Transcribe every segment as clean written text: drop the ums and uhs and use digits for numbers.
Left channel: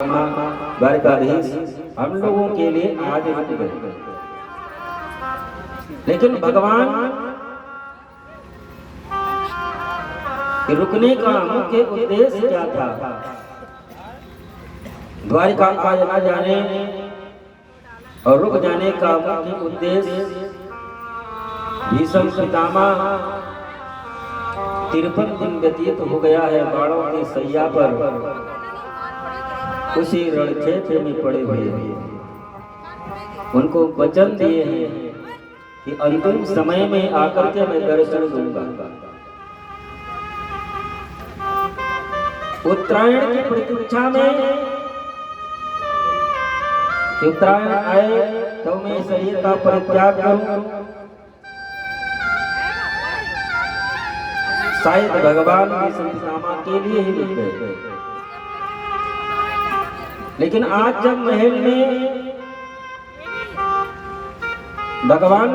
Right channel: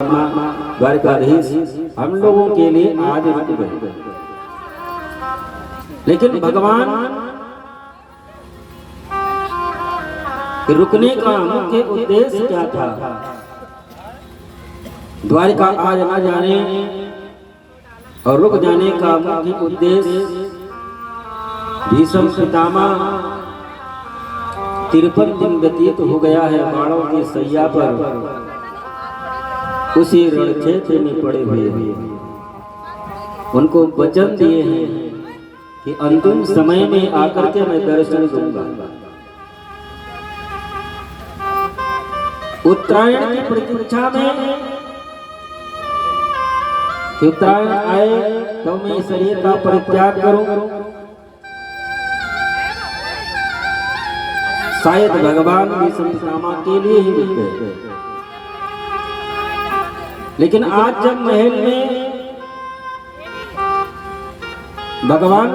द्वारकाधीश हम लोगों के लिए आज रुक गए, लेकिन भगवान के रुकने का मुख्य उद्देश्य क्या था? द्वारिका आज न जाने और रुक जाने का मुख्य उद्देश्य भीष्म पितामह 53 दिन व्यतीत हो गया है बाणों की सैया पर, उसी रणक्षेत्र में पड़े हुए हैं। उनको वचन दिए हैं कि अंतिम समय में आकर के मैं दर्शन दूंगा। उत्तरायण की प्रतीक्षा में उत्तरायण आए तो मैं शरीर का परित्याग करूं, शायद भगवान विष्णु के लिए ही रुक गए। लेकिन आज जब महल में भगवान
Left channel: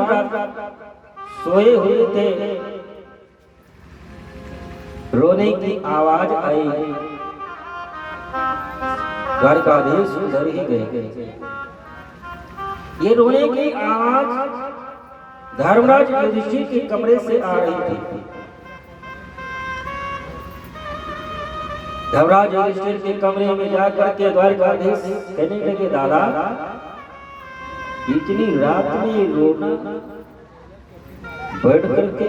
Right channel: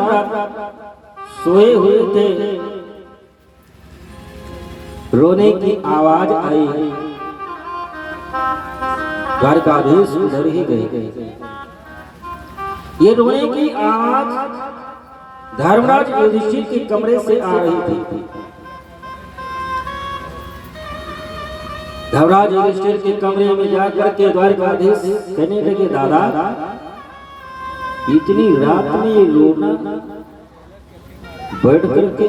सोए हुए थे, रोने की आवाज आई, द्वारकाधीश उधर ही गए। ये रोने की आवाज धर्मराज युधिष्ठिर के कमरे से आ रही थी। धर्मराज युधिष्ठिर के कमरे में जाकर के द्वारकाधीश कहने लगे, दादा इतनी रात में ये रोना बैठ करके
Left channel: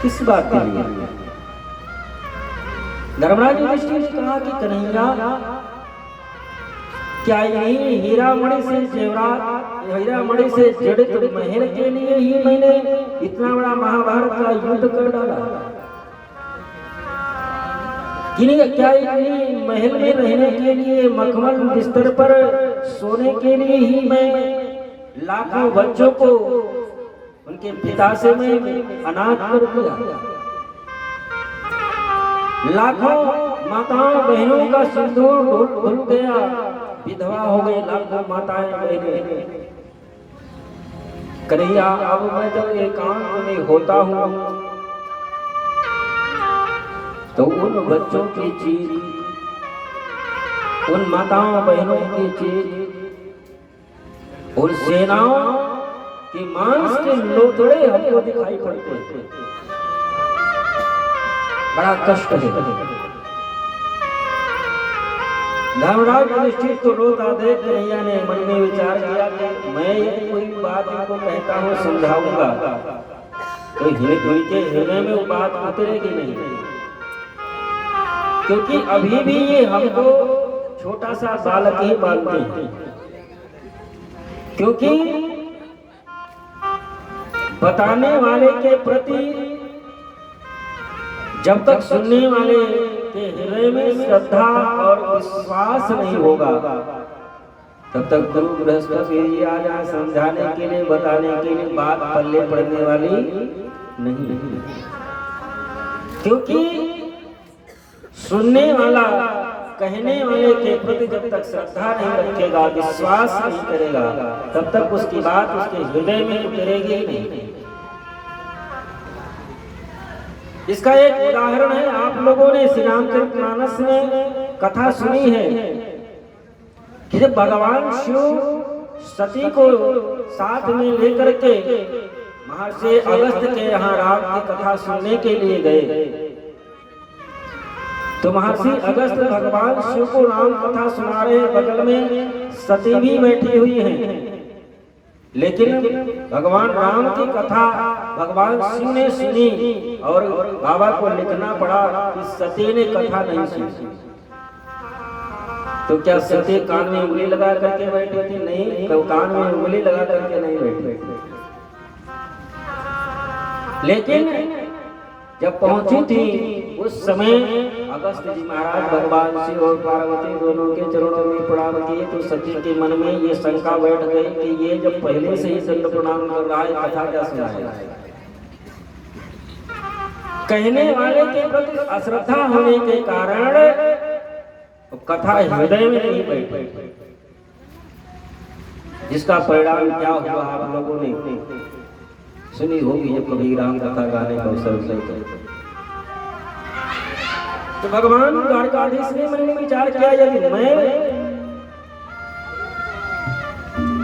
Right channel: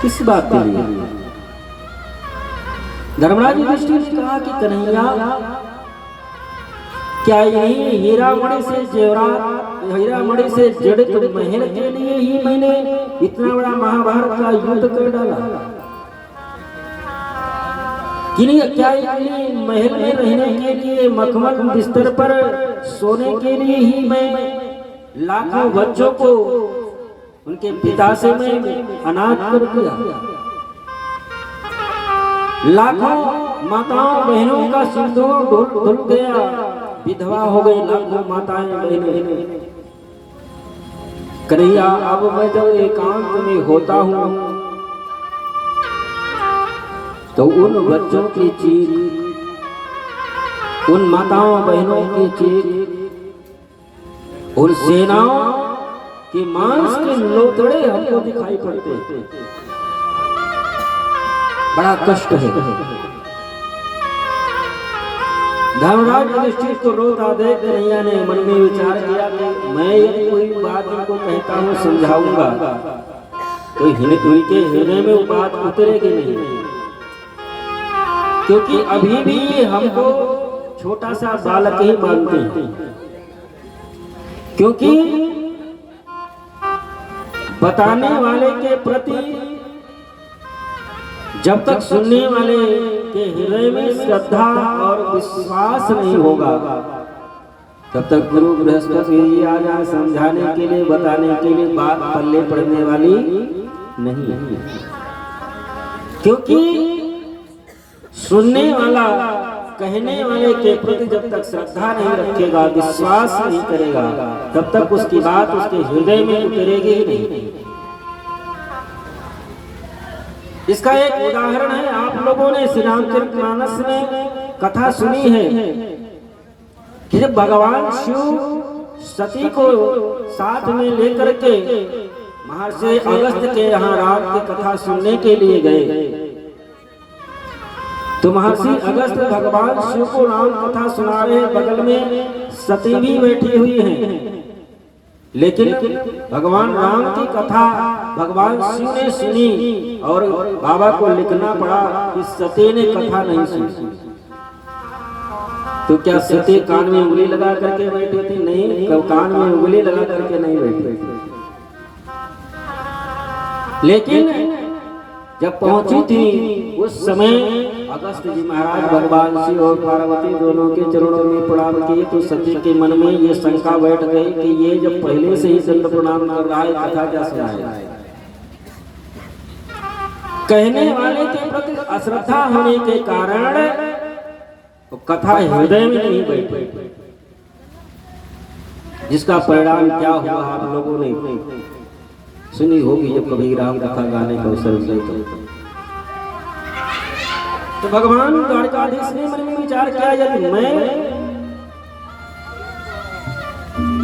किस बात के लिए? धर्मराज युधिष्ठिर ने कहा कि कन्हैया, क्या यही हीरामणि से जेवरात, हीरामणि से जड़ित महल के लिए ही मैंने इतना बड़ा महाभारत का युद्ध कर डाला? क्या महल में रहने के लिए, मखमल बिस्तर पर सोने के लिए ही मैं लाखों बच्चों को उनके पिता से मैं अनाथ कर दिया? लाखों माताओं बहनों का सिंदूर धुल गया, विधवा हो गई लाखों माताएं बहनें। कन्हैया, अब मैं जब एकांत में होता हूँ तो उन बच्चों की चीख, उन माताओं बहनों की चीख, उन सेनाओं के मांस के लोथड़े हमको दिखाई पड़ते हैं। बड़ा कष्ट है। धर्मराज युधिष्ठिर को रोता देख कन्हैया ने मन में विचार किया कि मैं ये कोई बात इनको कहता हूँ, समझाऊंगा तो उनके हृदय में वो बात उतरेगी नहीं, क्योंकि अभी भी ये हमको छोटा सा बालक ही मानते हैं। क्योंकि बताने वाले के प्रति जब तक सुनने वाले के हृदय में श्रद्धा और विश्वास नहीं होगा, तब तक गुरु बृहस्पति आ जाए समझाने के लिए, बताने के लिए, बात पल्ले पड़ने वाली नहीं। क्योंकि सुनने वाला कहने वाले के प्रति जब तक श्रद्धा नहीं रखेगा, विश्वास नहीं करेगा, तब तक उसकी बात उसके हृदय में उतरेगी ही नहीं। इसका एक उदाहरण है, आप लोगों ने श्री रामचरितमानस में कथा सुनी है कि जब भगवान शिव सती को साथ में लेकर के महर्षि अगस्त्य के यहाँ राम की कथा सुनने के लिए गए, तो महर्षि अगस्त्य भगवान शिव को राम कथा सुना रहे, बगल में सती भी बैठी हुई हैं। लेकिन भगवान राम की कथा भगवान शिव ने सुनी और बाबा को लिखना पड़ा कि सती ने कथा नहीं सुनी। तो क्या सती कान में उंगली लगा करके बैठी थी? नहीं, कान में उंगली लगा करके नहीं बैठी। लेकिन जब पहुंची थी उस समय अगस्त्य जी महाराज भगवान शिव और पार्वती दोनों के चरणों में प्रणाम किए, तो सती के मन में ये शंका बैठ गई कि ये जब पहले से ही दंड प्रणाम कर रहा है, कथा क्या सुनाए? कहने वाले के प्रति अश्रद्धा होने के कारण तो कथा हृदय में नहीं बैठी, जिसका परिणाम क्या हुआ आप लोगों ने सुनी होगी जब कभी राम कथा गाने का अवसर मिले। तो भगवान द्वारकाधीश ने मन में विचार किया, यदि मैं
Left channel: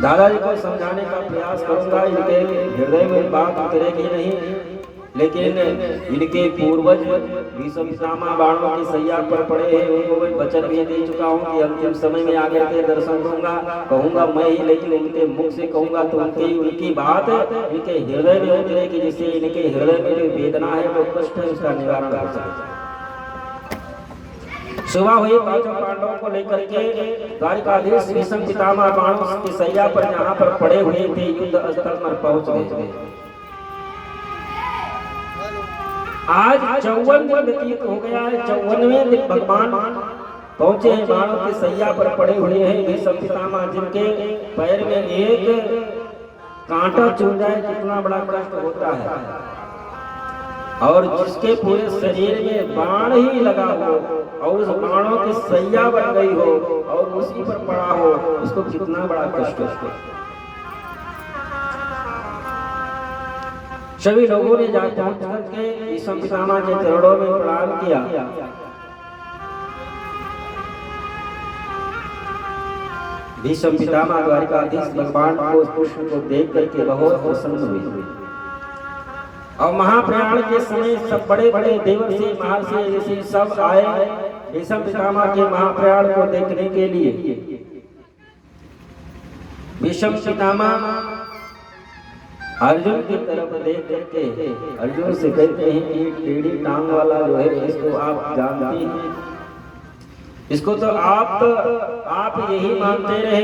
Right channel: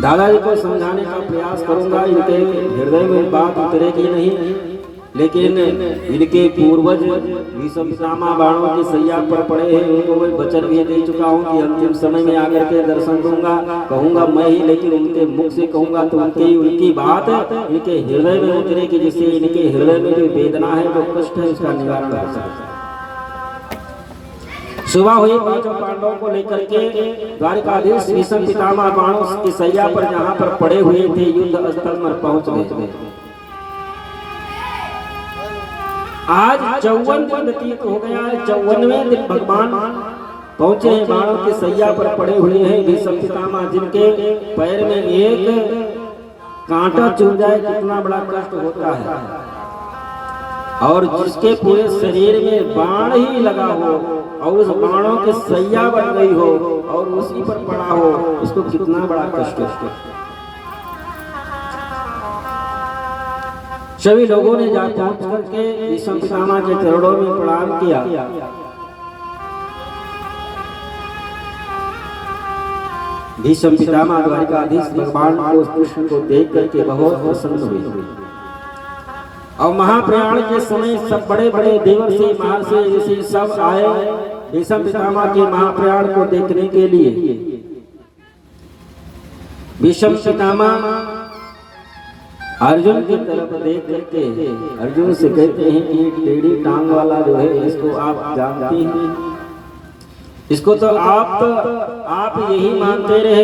दादाजी को समझाने का प्रयास करूंगा, इनके हृदय में बात उतरेगी नहीं, लेकिन इनके पूर्वज भीष्म पितामह बाणों की सैया पर पड़े हैं, उनको मैं वचन भी दे चुका हूँ कि अंतिम समय में आकर के दर्शन दूंगा, कहूंगा मैं ही, लेकिन उनके मुख से कहूंगा तो उनकी बात इनके हृदय में उतरेगी, जिससे इनके हृदय में जो वेदना है, जो कष्ट है, उसका निवारण कर सकता है। सुबह हुई, पांचों पांडवों को लेकर के द्वारकाधीश भीष्म पितामह बाणों की सैया पर जहाँ पर पड़े हुए थे, युद्ध स्थल पर पहुंच गए। आज 54 दिन व्यतीत हो गया है, 54वें दिन भगवान पहुंचे हैं, बाणों की सैया पर पड़े हुए हैं भीष्म पितामह, जिनके पैर में एक कांटा चुभ जाए कितना बड़ा कष्ट होता है, और जिसके पूरे शरीर में बाण ही लगा हो और उस बाणों की सैया बन गई हो और उसी पर पड़ा हो, उसको कितना बड़ा कष्ट है। सभी लोगों ने जा पहुंच करके भीष्म पितामह के चरणों में प्रणाम किया। भीष्म पितामह द्वारकाधीश भगवान को उस पुष्प को देख करके बहुत प्रसन्न हुए, और महाप्रयाण के समय सब बड़े बड़े देवर्षि महर्षि ऋषि सब आए भीष्म पितामह के महाप्रयाण को देखने के लिए। भीष्म पितामह अर्जुन की तरफ देख करके अर्जुन से कहते हैं कि टेढ़ी टांग वाला जो है, इसको आप जानते हैं, इसको तो आप यही मानते रहे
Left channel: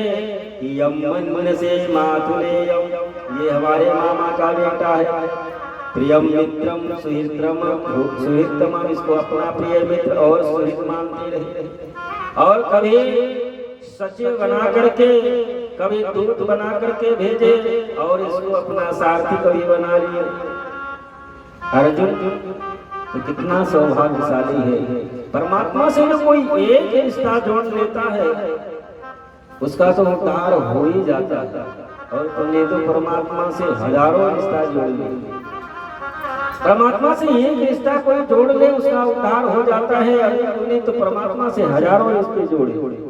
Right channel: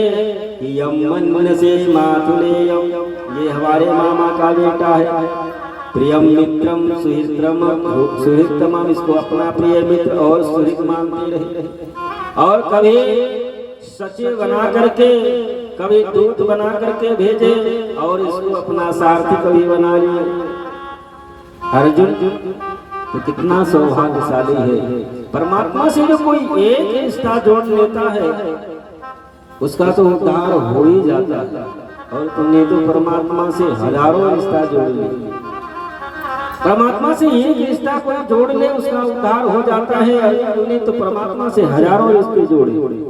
कि यम मन से मातुलेयम, ये हमारे मामा का बेटा है, प्रियम मित्रम सुहृतम, इसको अपना प्रिय मित्र और सुहृत मानते रहे, और कभी सचिव बना करके, कभी दूत बना करके भेजे, और इसको अपना सारथी कभी बना लिए। अर्जुन तो कितना सौभाग्यशाली है, परमात्मा से जो कोई एक रिश्ता जोड़ लेता है उसका तो उद्धार हो ही जाता है, और तुमने तो परमात्मा से हजारों रिश्ता जोड़ लिए। परमात्मा से एक रिश्ता कोई जोड़ ले उसका उद्धार हो जाता है, और तुमने तो परमात्मा से हजारों रिश्ते जोड़े।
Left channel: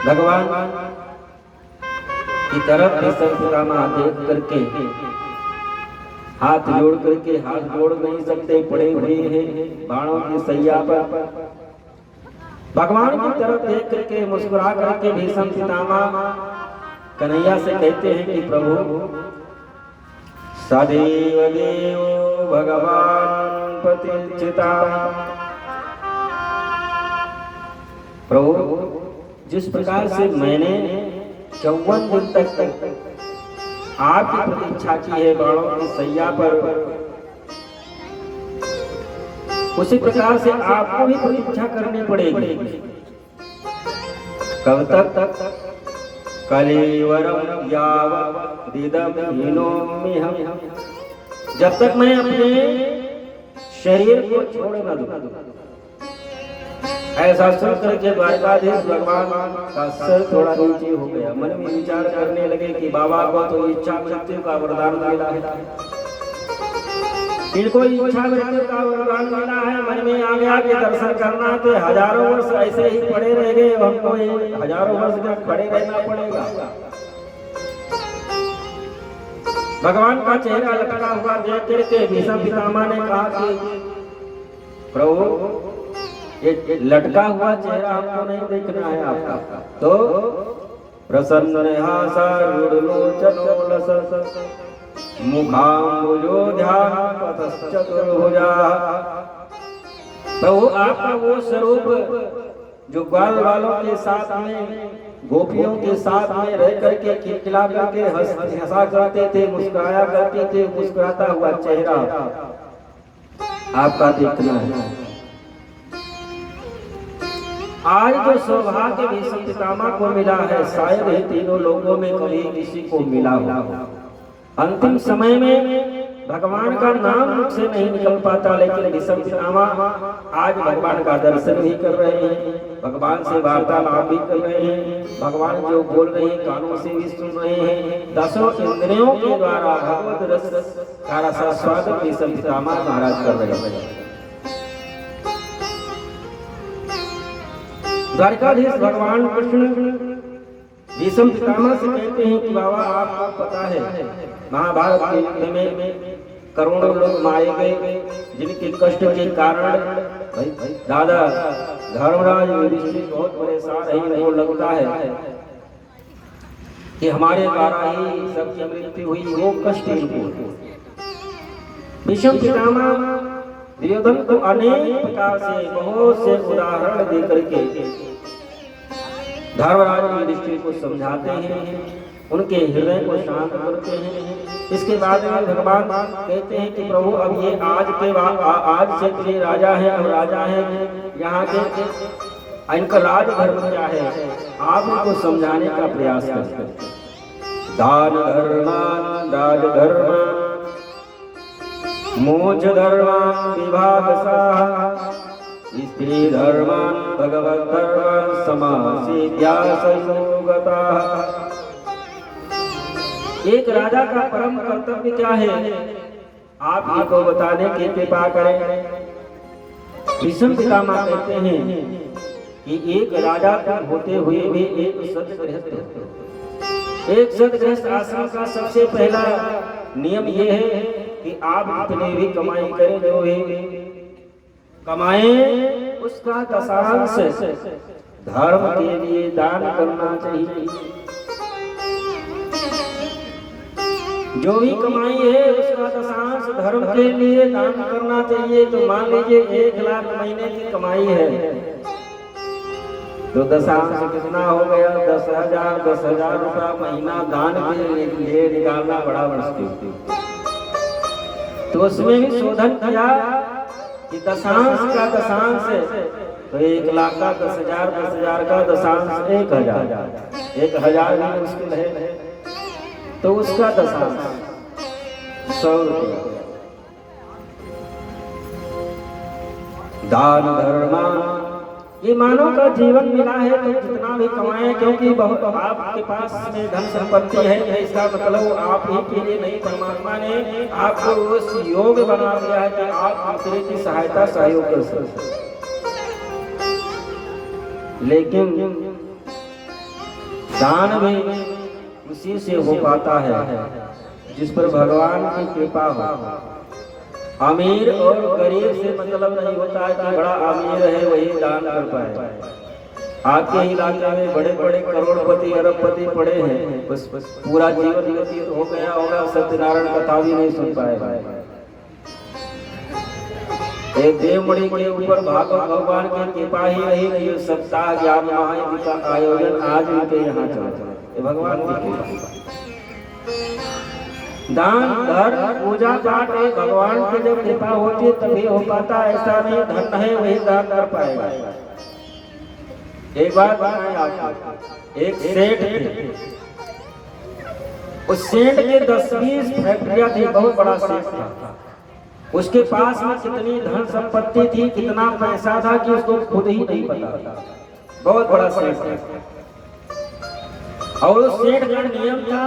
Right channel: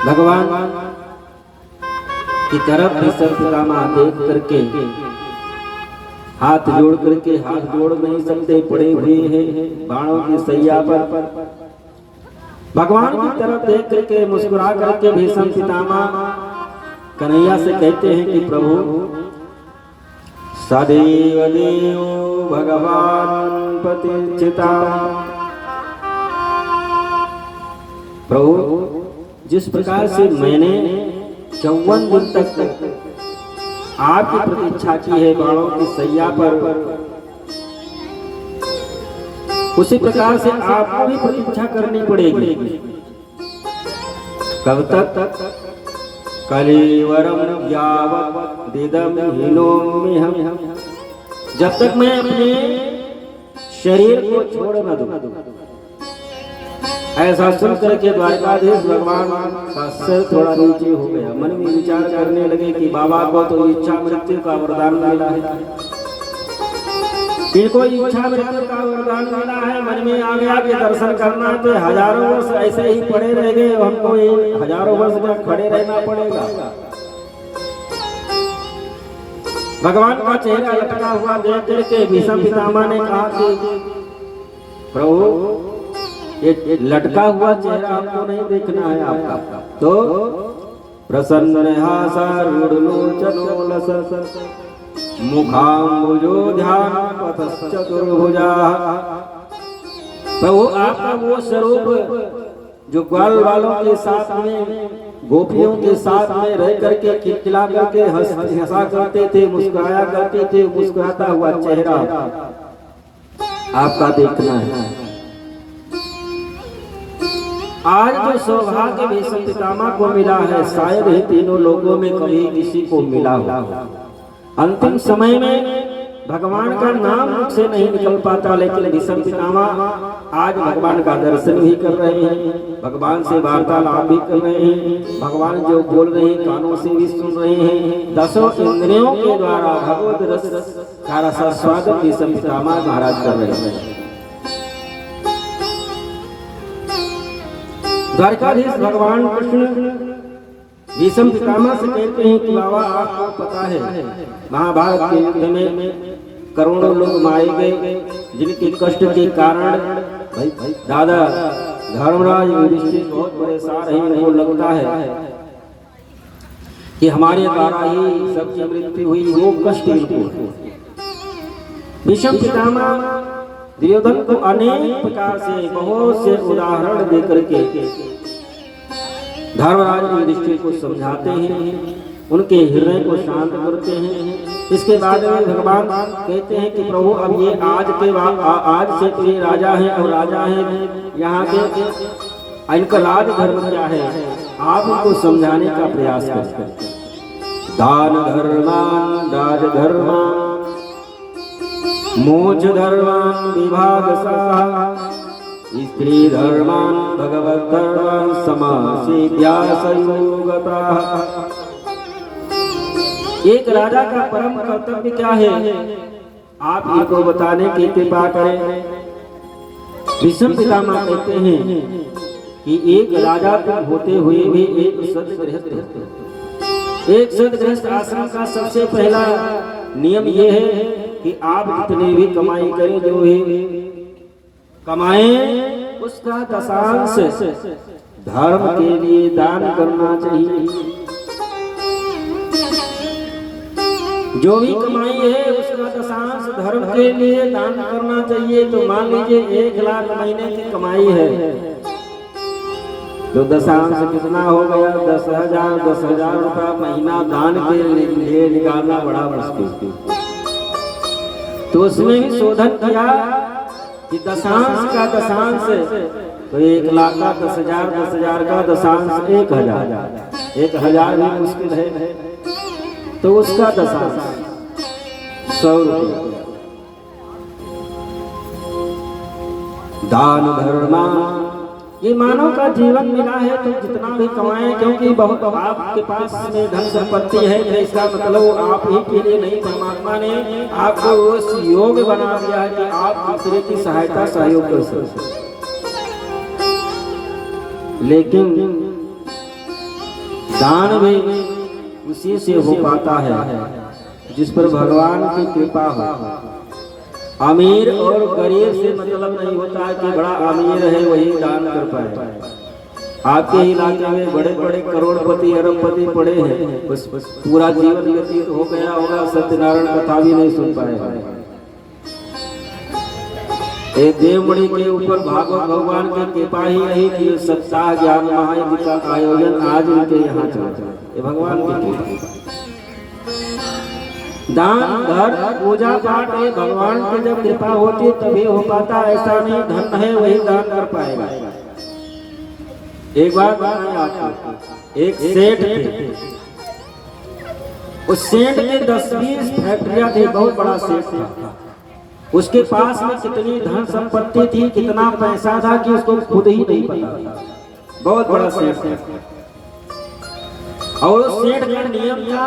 भगवान की तरफ भीष्म पितामह देख करके हाथ जोड़ करके, हाथ जोड़ नहीं सकते, पड़े हुए हैं बाणों की सैया पर, भगवान की तरफ देख करके मुस्कुरा करके भीष्म पितामह कन्हैया से कहते हैं कि प्रभु सदैव देव भगवान प्रतिष्ठिता, प्रभु जिस प्रकार से मैंने 54 दिन तक आपकी प्रतीक्षा की है बाणों की सैया पर, उसी प्रकार से आपको भी प्रतीक्षा करनी पड़ेगी। कब तक? कलेवरम यावदिदम हीनोम्यहम, जब तक मैं अपने शरीर को छोड़ न दूं। ऐसा सुन करके द्वारकाधीश भगवान का सर थोड़ा नीचे हो गया, मन में विचार करने लगे कि बाबा को तो इच्छा मृत्यु का वरदान मिला है, इनको इच्छा मृत्यु का वरदान मिला है। मन में आ गया कि दर्शन करना तो हजारों वर्ष ऐसे ही पड़े रह गए, हमको हजारों वर्ष तक खड़े रहना पड़ेगा। भगवान का चेहरा लटका हुआ देख करके भीष्म पितामह ने कहा कि प्रभु ये लटका हुआ चेहरा हमको नहीं देखना है आपका, तो प्रसन्न प्रभु आपका वो स्वरूप जो ग्वाल वालों के साथ में, गोपियों के साथ में रह करके खिलखिला करके हंसा करते थे, मुस्कुराया करते थे, मुस्कुराता हुआ चेहरा आपका देखना है। आज जो सौभाग्य भीष्म पितामह को मिला है, शायद ही तीनों लोगों में कभी किसी को मिला हो। अंतिम समय में भगवान का नाम मुख से नहीं निकल पाता, लेकिन भीष्म पितामह आज भगवान का दर्शन भी कर रहे हैं, भगवान से वार्तालाप भी कर रहे हैं, भगवान जो बोल रहे हैं कानों से भी सुन रहे हैं। 10 इंद्रियों के द्वारा भगवत रस का रसास्वादन भीष्म पितामह महाराज कर रहे हैं। द्वारकाधीश भगवान कृष्ण भीष्म पितामह से कहते हैं कि बाबा आपको पता है महाभारत के युद्ध में करोड़ों लोग मारे गए, जिनके कष्ट के कारण दादा धर्मराज युधिष्ठिर बहुत परेशान रहे। उनको लगता है कि हमारे द्वारा ही सबकी मृत्यु हुई, वो कष्ट भीष्म पितामह दुर्योधन को अनेक प्रकार से बहुत से उदाहरण देकर के धर्मराज युधिष्ठिर को समझाते हैं, उनके हृदय को शांत करते हैं। इसके बाद में भगवान कहते हैं कि प्रभु अब ये आज के बाद आज से तो ये राजा है और राजा है यहाँ के, इनका राज धर्म क्या है आप उनको समझाने का प्रयास करते हैं। दान धर्मान राज धर्मान मोक्ष धर्मान विभाग स्त्री धर्मान भगवत धर्मान समासिद्ध्या संयोगतः। एक राजा का परम कर्तव्य क्या है आप इनको बताने की कृपा करें। भीष्म पितामह कहते हैं कि एक राजा होते हुए भी एक सदगृहस्थ आश्रम का सबसे पहला नियम यह है कि आप जितने भी कमाई करें, जो भी कमाएं उसका दशांश धर्म के लिए दान करना चाहिए। जो भी कमाई है उसका दशांश धर्म के लिए दान करना चाहिए। तो मान लीजिए 1 लाख महीने की कमाई है तो दशांश कितना हो गया 10,000 रुपया महीना दान के लिए निकालना बड़ा मुश्किल। तो उसमें भी शोधन किया कि दशांश का दशांश तो 1 लाख का 10,000, 10,000 का दशांश 1,000, 1,000 भी मुश्किल है तो उसका दशांश 100 रुपया। दान धर्मा ये मानव का जीवन मिला है तो जितना भी कमाएं, क्योंकि बहुत आपके पास में धन संपत्ति है इसका मतलब आप ही के लिए नहीं, परमात्मा ने आपको उस योग बना दिया है कि आप दूसरे की सहायता सहयोग कर सकते। लेकिन दान भी उसी से हो पाता है जिस पर भगवान की कृपा हो। अमीर और गरीब से मतलब नहीं होता है कि बड़ा अमीर है वही दान कर पाए। आपके इलाके में बड़े बड़े करोड़पति अरबपति पड़े हैं, बस पूरा जीवन व्यतीत हो गया होगा, सत्यनारायण कथा भी नहीं सुन पाएगा। एक देवमणि के ऊपर भागवत भगवान की कृपा ही रही कि सप्ताह ज्ञान महायज्ञ का आयोजन आज उनके यहाँ चला। ये भगवान की कृपा। दान धर्म पूजा पाठ है भगवान की जब कृपा होती है तभी हो पाता, ऐसा नहीं धन है वही दान कर पाएगा। एक बात बताएं आपको, एक सेठ थे, उस सेठ के 10-20 फैक्ट्रियां थी, बहुत बड़ा सेठ था। उसके पास में कितनी धन संपत्ति थी, कितना पैसा था कि उसको खुद ही नहीं पता। बहुत बड़ा सेठ था और उस सेठ का नियम था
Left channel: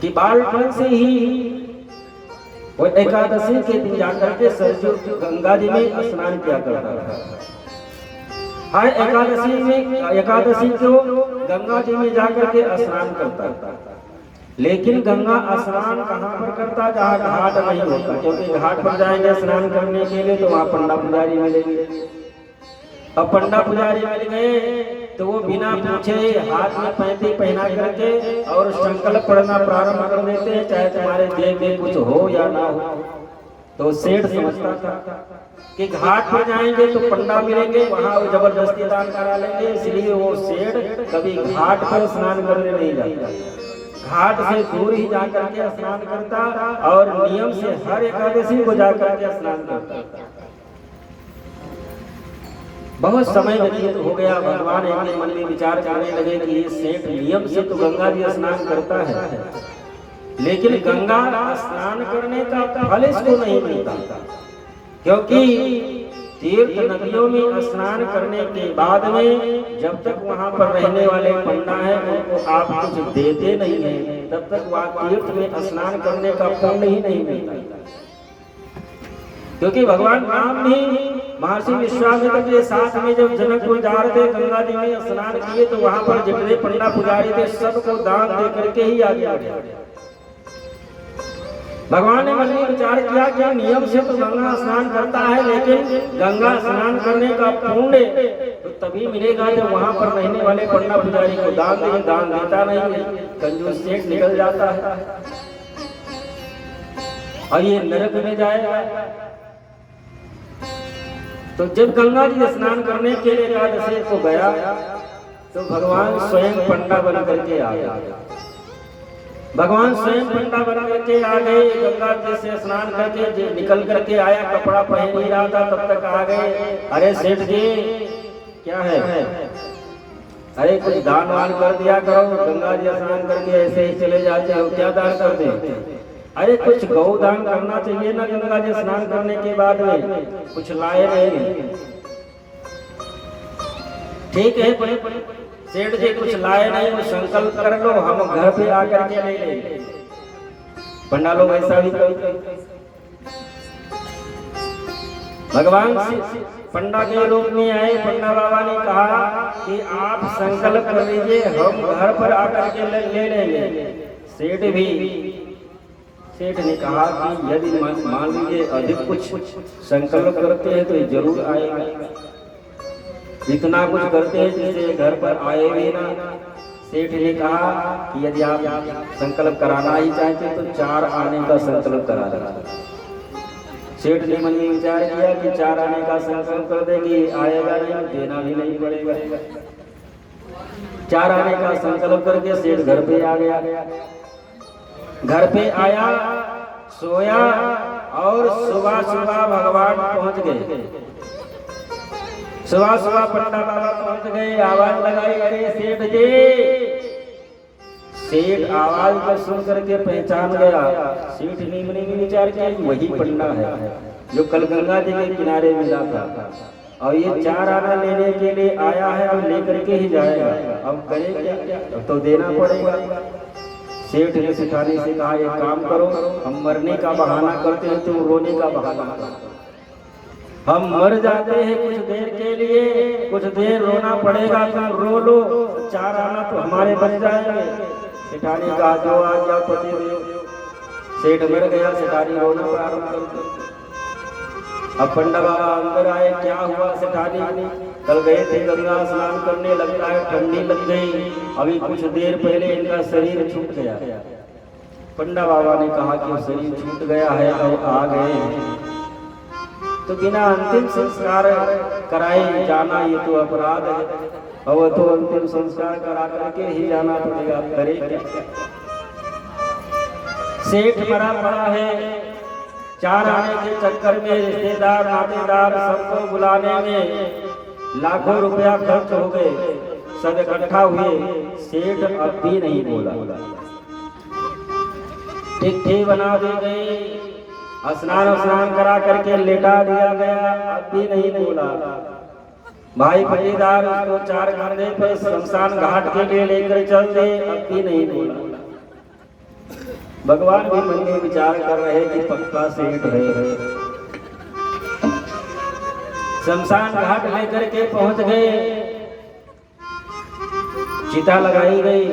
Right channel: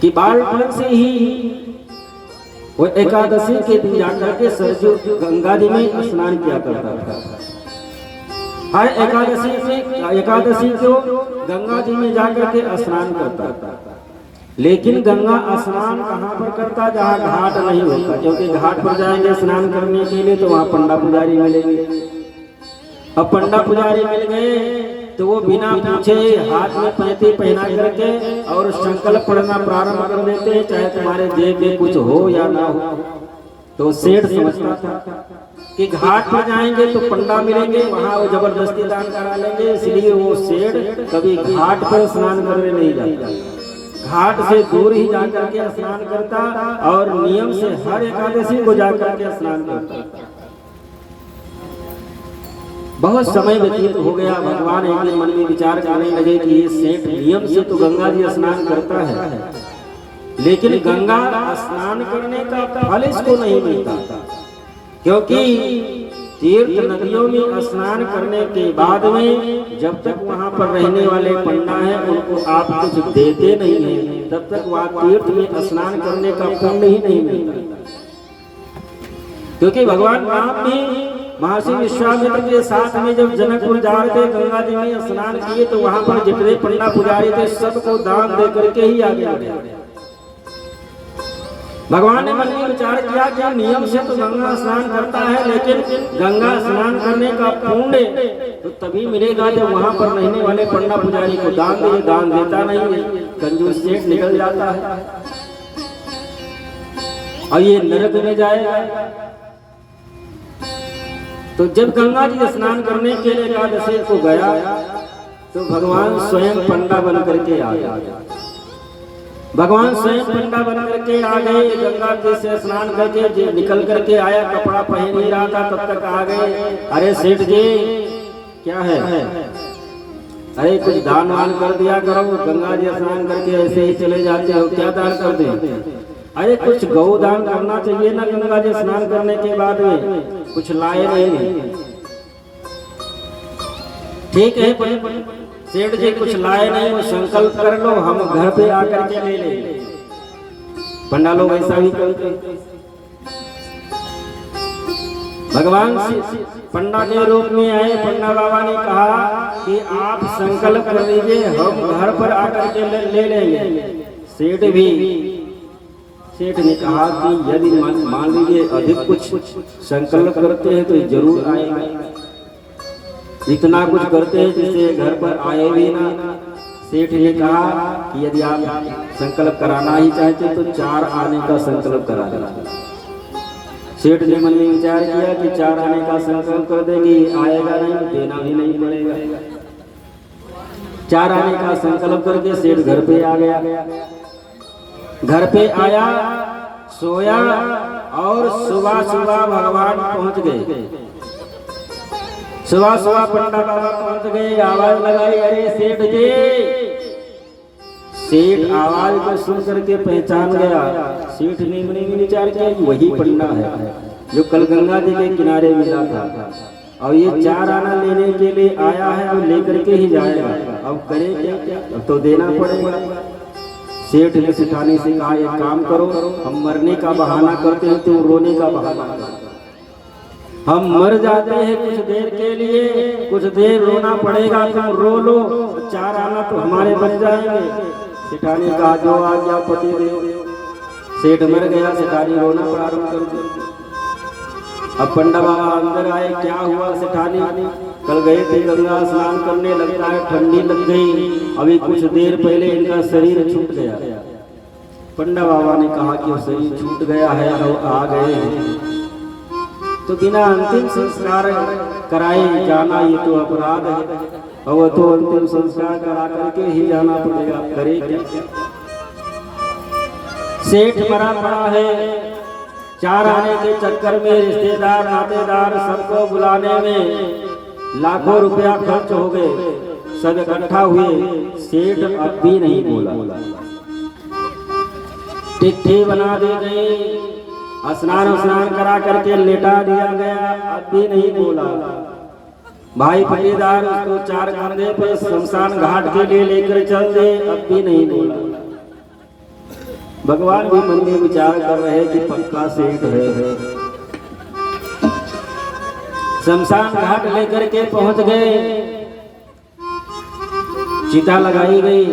कि बालपन से ही वो एकादशी के दिन जाकर के सरजू गंगा जी में स्नान किया करता था। हर एकादशी को गंगा जी में जाकर के स्नान करता था। लेकिन गंगा स्नान कहाँ पर करता, जहाँ घाट नहीं होता, क्योंकि घाट पर जाएंगे स्नान करने के लिए तो वहाँ पंडा पुजारी मिलेंगे। अब पंडा पुजारी मिल गए तो वो बिना पूछे हाथ में पैंती पहना करके और संकल्प पढ़ना प्रारंभ कर देते हैं, चाहे तुम्हारे जेब में कुछ हो या ना हो। तो सेठ समझता था कि घाट पर जाएंगे तो पंडा मिलेंगे, वहाँ वो जबरदस्ती दान करा लेंगे, इसलिए वो सेठ कभी घाट पर स्नान करने नहीं जाता, घाट से दूर ही जाकर के स्नान करता और नियम से हर एकादशी को जाकर के स्नान करता। बहुत समय व्यतीत हो गया, भगवान एक मन में विचार करने लगे कि ये सेठ नियम से तो गंगा जी स्नान करता है, लेकिन गंगा स्नान करने का फल इसको नहीं मिलता, क्योंकि तीर्थ नदियों में स्नान करने के बाद में जब तक वहां पर रहने वाले पंडा हैं उनको आप कुछ देते नहीं हैं, तब तक वहां तीर्थ में स्नान करने का पुण्य ही नहीं मिलता। क्योंकि भगवान राम भी महर्षि विश्वामित्र के साथ में जब जनकपुर जा रहे थे, गंगा जी में स्नान किए, तो वहां पर जितने पंडा पुजारी थे सबको दान दे करके ही आगे बढ़े। भगवान ने मन में विचार किया कि नियम से तो गंगा स्नान करता है, लेकिन गंगा स्नान करने का पुण्य तो तभी मिलेगा जब वहां पर रहने वाले पंडा पुजारी को दान दे। दान देता नहीं है, कंजूस सेठ निकल जाता है और ये नरक में जाएगा। तो जब गंगा जी स्नान करने के लिए एकादशी को गया तो भगवान स्वयं पंडा बन करके आ गया। भगवान स्वयं पंडा बन करके आ गए। गंगा जी से स्नान करके निकल करके आया, कपड़ा पहन ही रहा था, तब तक आ गए। अरे सेठ जी क्या है? अरे कुछ दान वान कर दिया करो, गंगा जी स्नान करके ऐसे ही चले जाते हो, क्या दान कर दे? अरे कुछ गौ दान करना चाहिए ना, गंगा जी स्नान करने के बाद में कुछ लाए नहीं। ठीक है सेठ जी कुछ लाए नहीं, संकल्प कर लो, हम घर पे आकर के ले लेंगे। पंडा लोग ऐसा भी करते। भगवान पंडा के रूप में आए। पंडा बाबा ने कहा कि आप संकल्प कर लीजिए, हम घर पर आकर के ले लेंगे। सेठ ने कहा कि यदि मान लीजिए अधिक कुछ संकल्प करते हैं तो जरूर आएगा। इतना कुछ करते हैं जिससे घर पर आए भी ना। सेठ ने कहा कि यदि आप संकल्प कराना ही चाहते तो 4 आने का संकल्प करा देना। सेठ ने मन में विचार किया कि 4 आने का संकल्प कर देंगे, आएगा नहीं, देना भी नहीं पड़ेगा। 4 आने का संकल्प करके सेठ घर पे आ गया। घर पे आया, सोया और सुबह सुबह भगवान पहुंच गए। सुबह सुबह पंडा बाबा पहुंच गए, आवाज लगाई, अरे सेठ जी। सेठ आवाज को सुन करके पहचान गया। सेठ ने मन में विचार किया कि वही पंडा है जो कल गंगा जी के किनारे मिला था, और ये 4 आना लेने के लिए आया है, अब लेकर के ही जाएगा। अब करे क्या? तो देना पड़ेगा। सेठ ने सेठानी से कहा एक काम करो, हम मरने का बहाना करते हैं, तुम रोने का बहाना करो। हम मर जाते हैं कुछ देर के लिए, कुछ देर रोना पड़ेगा, तुम रो लो, 4 आना तो हमारे बच जाएंगे। सेठानी कहा जो आ गया पति देव। सेठ मर गया, सेठानी रोना प्रारंभ कर दिया। अब पंडा बाबा अंदर आए, क्या हुआ सेठानी? कल गए थे गंगा स्नान करने, लगता है ठंडी लग गई, अभी कुछ देर पहले इनका शरीर छूट गया। पंडा बाबा ने कहा कि शरीर छूट गया है, अब आ गए तो बिना अंतिम संस्कार कराए जाना ये तो अपराध है, और तो अंतिम संस्कार करा करके ही जाना पड़ेगा। करे क्या? सेठ मरा पड़ा है, 4 आने के चक्कर में रिश्तेदार नातेदार सबको बुलाने में लाखों रुपया खर्च हो गए, सब इकट्ठा हुए। सेठ अब भी नहीं बोला। टिकठी बना दी गई, स्नान करा करके लेटा दिया गया, अब भी नहीं बोला। भाई फरीदार उसको 4 कंधे पे शमशान घाट के लिए लेकर चल दे, अब भी नहीं बोला। भगवान भी मन में विचार कर रहे कि पक्का सेठ है। शमशान घाट लेकर के पहुंच गए, चिता लगाई गई,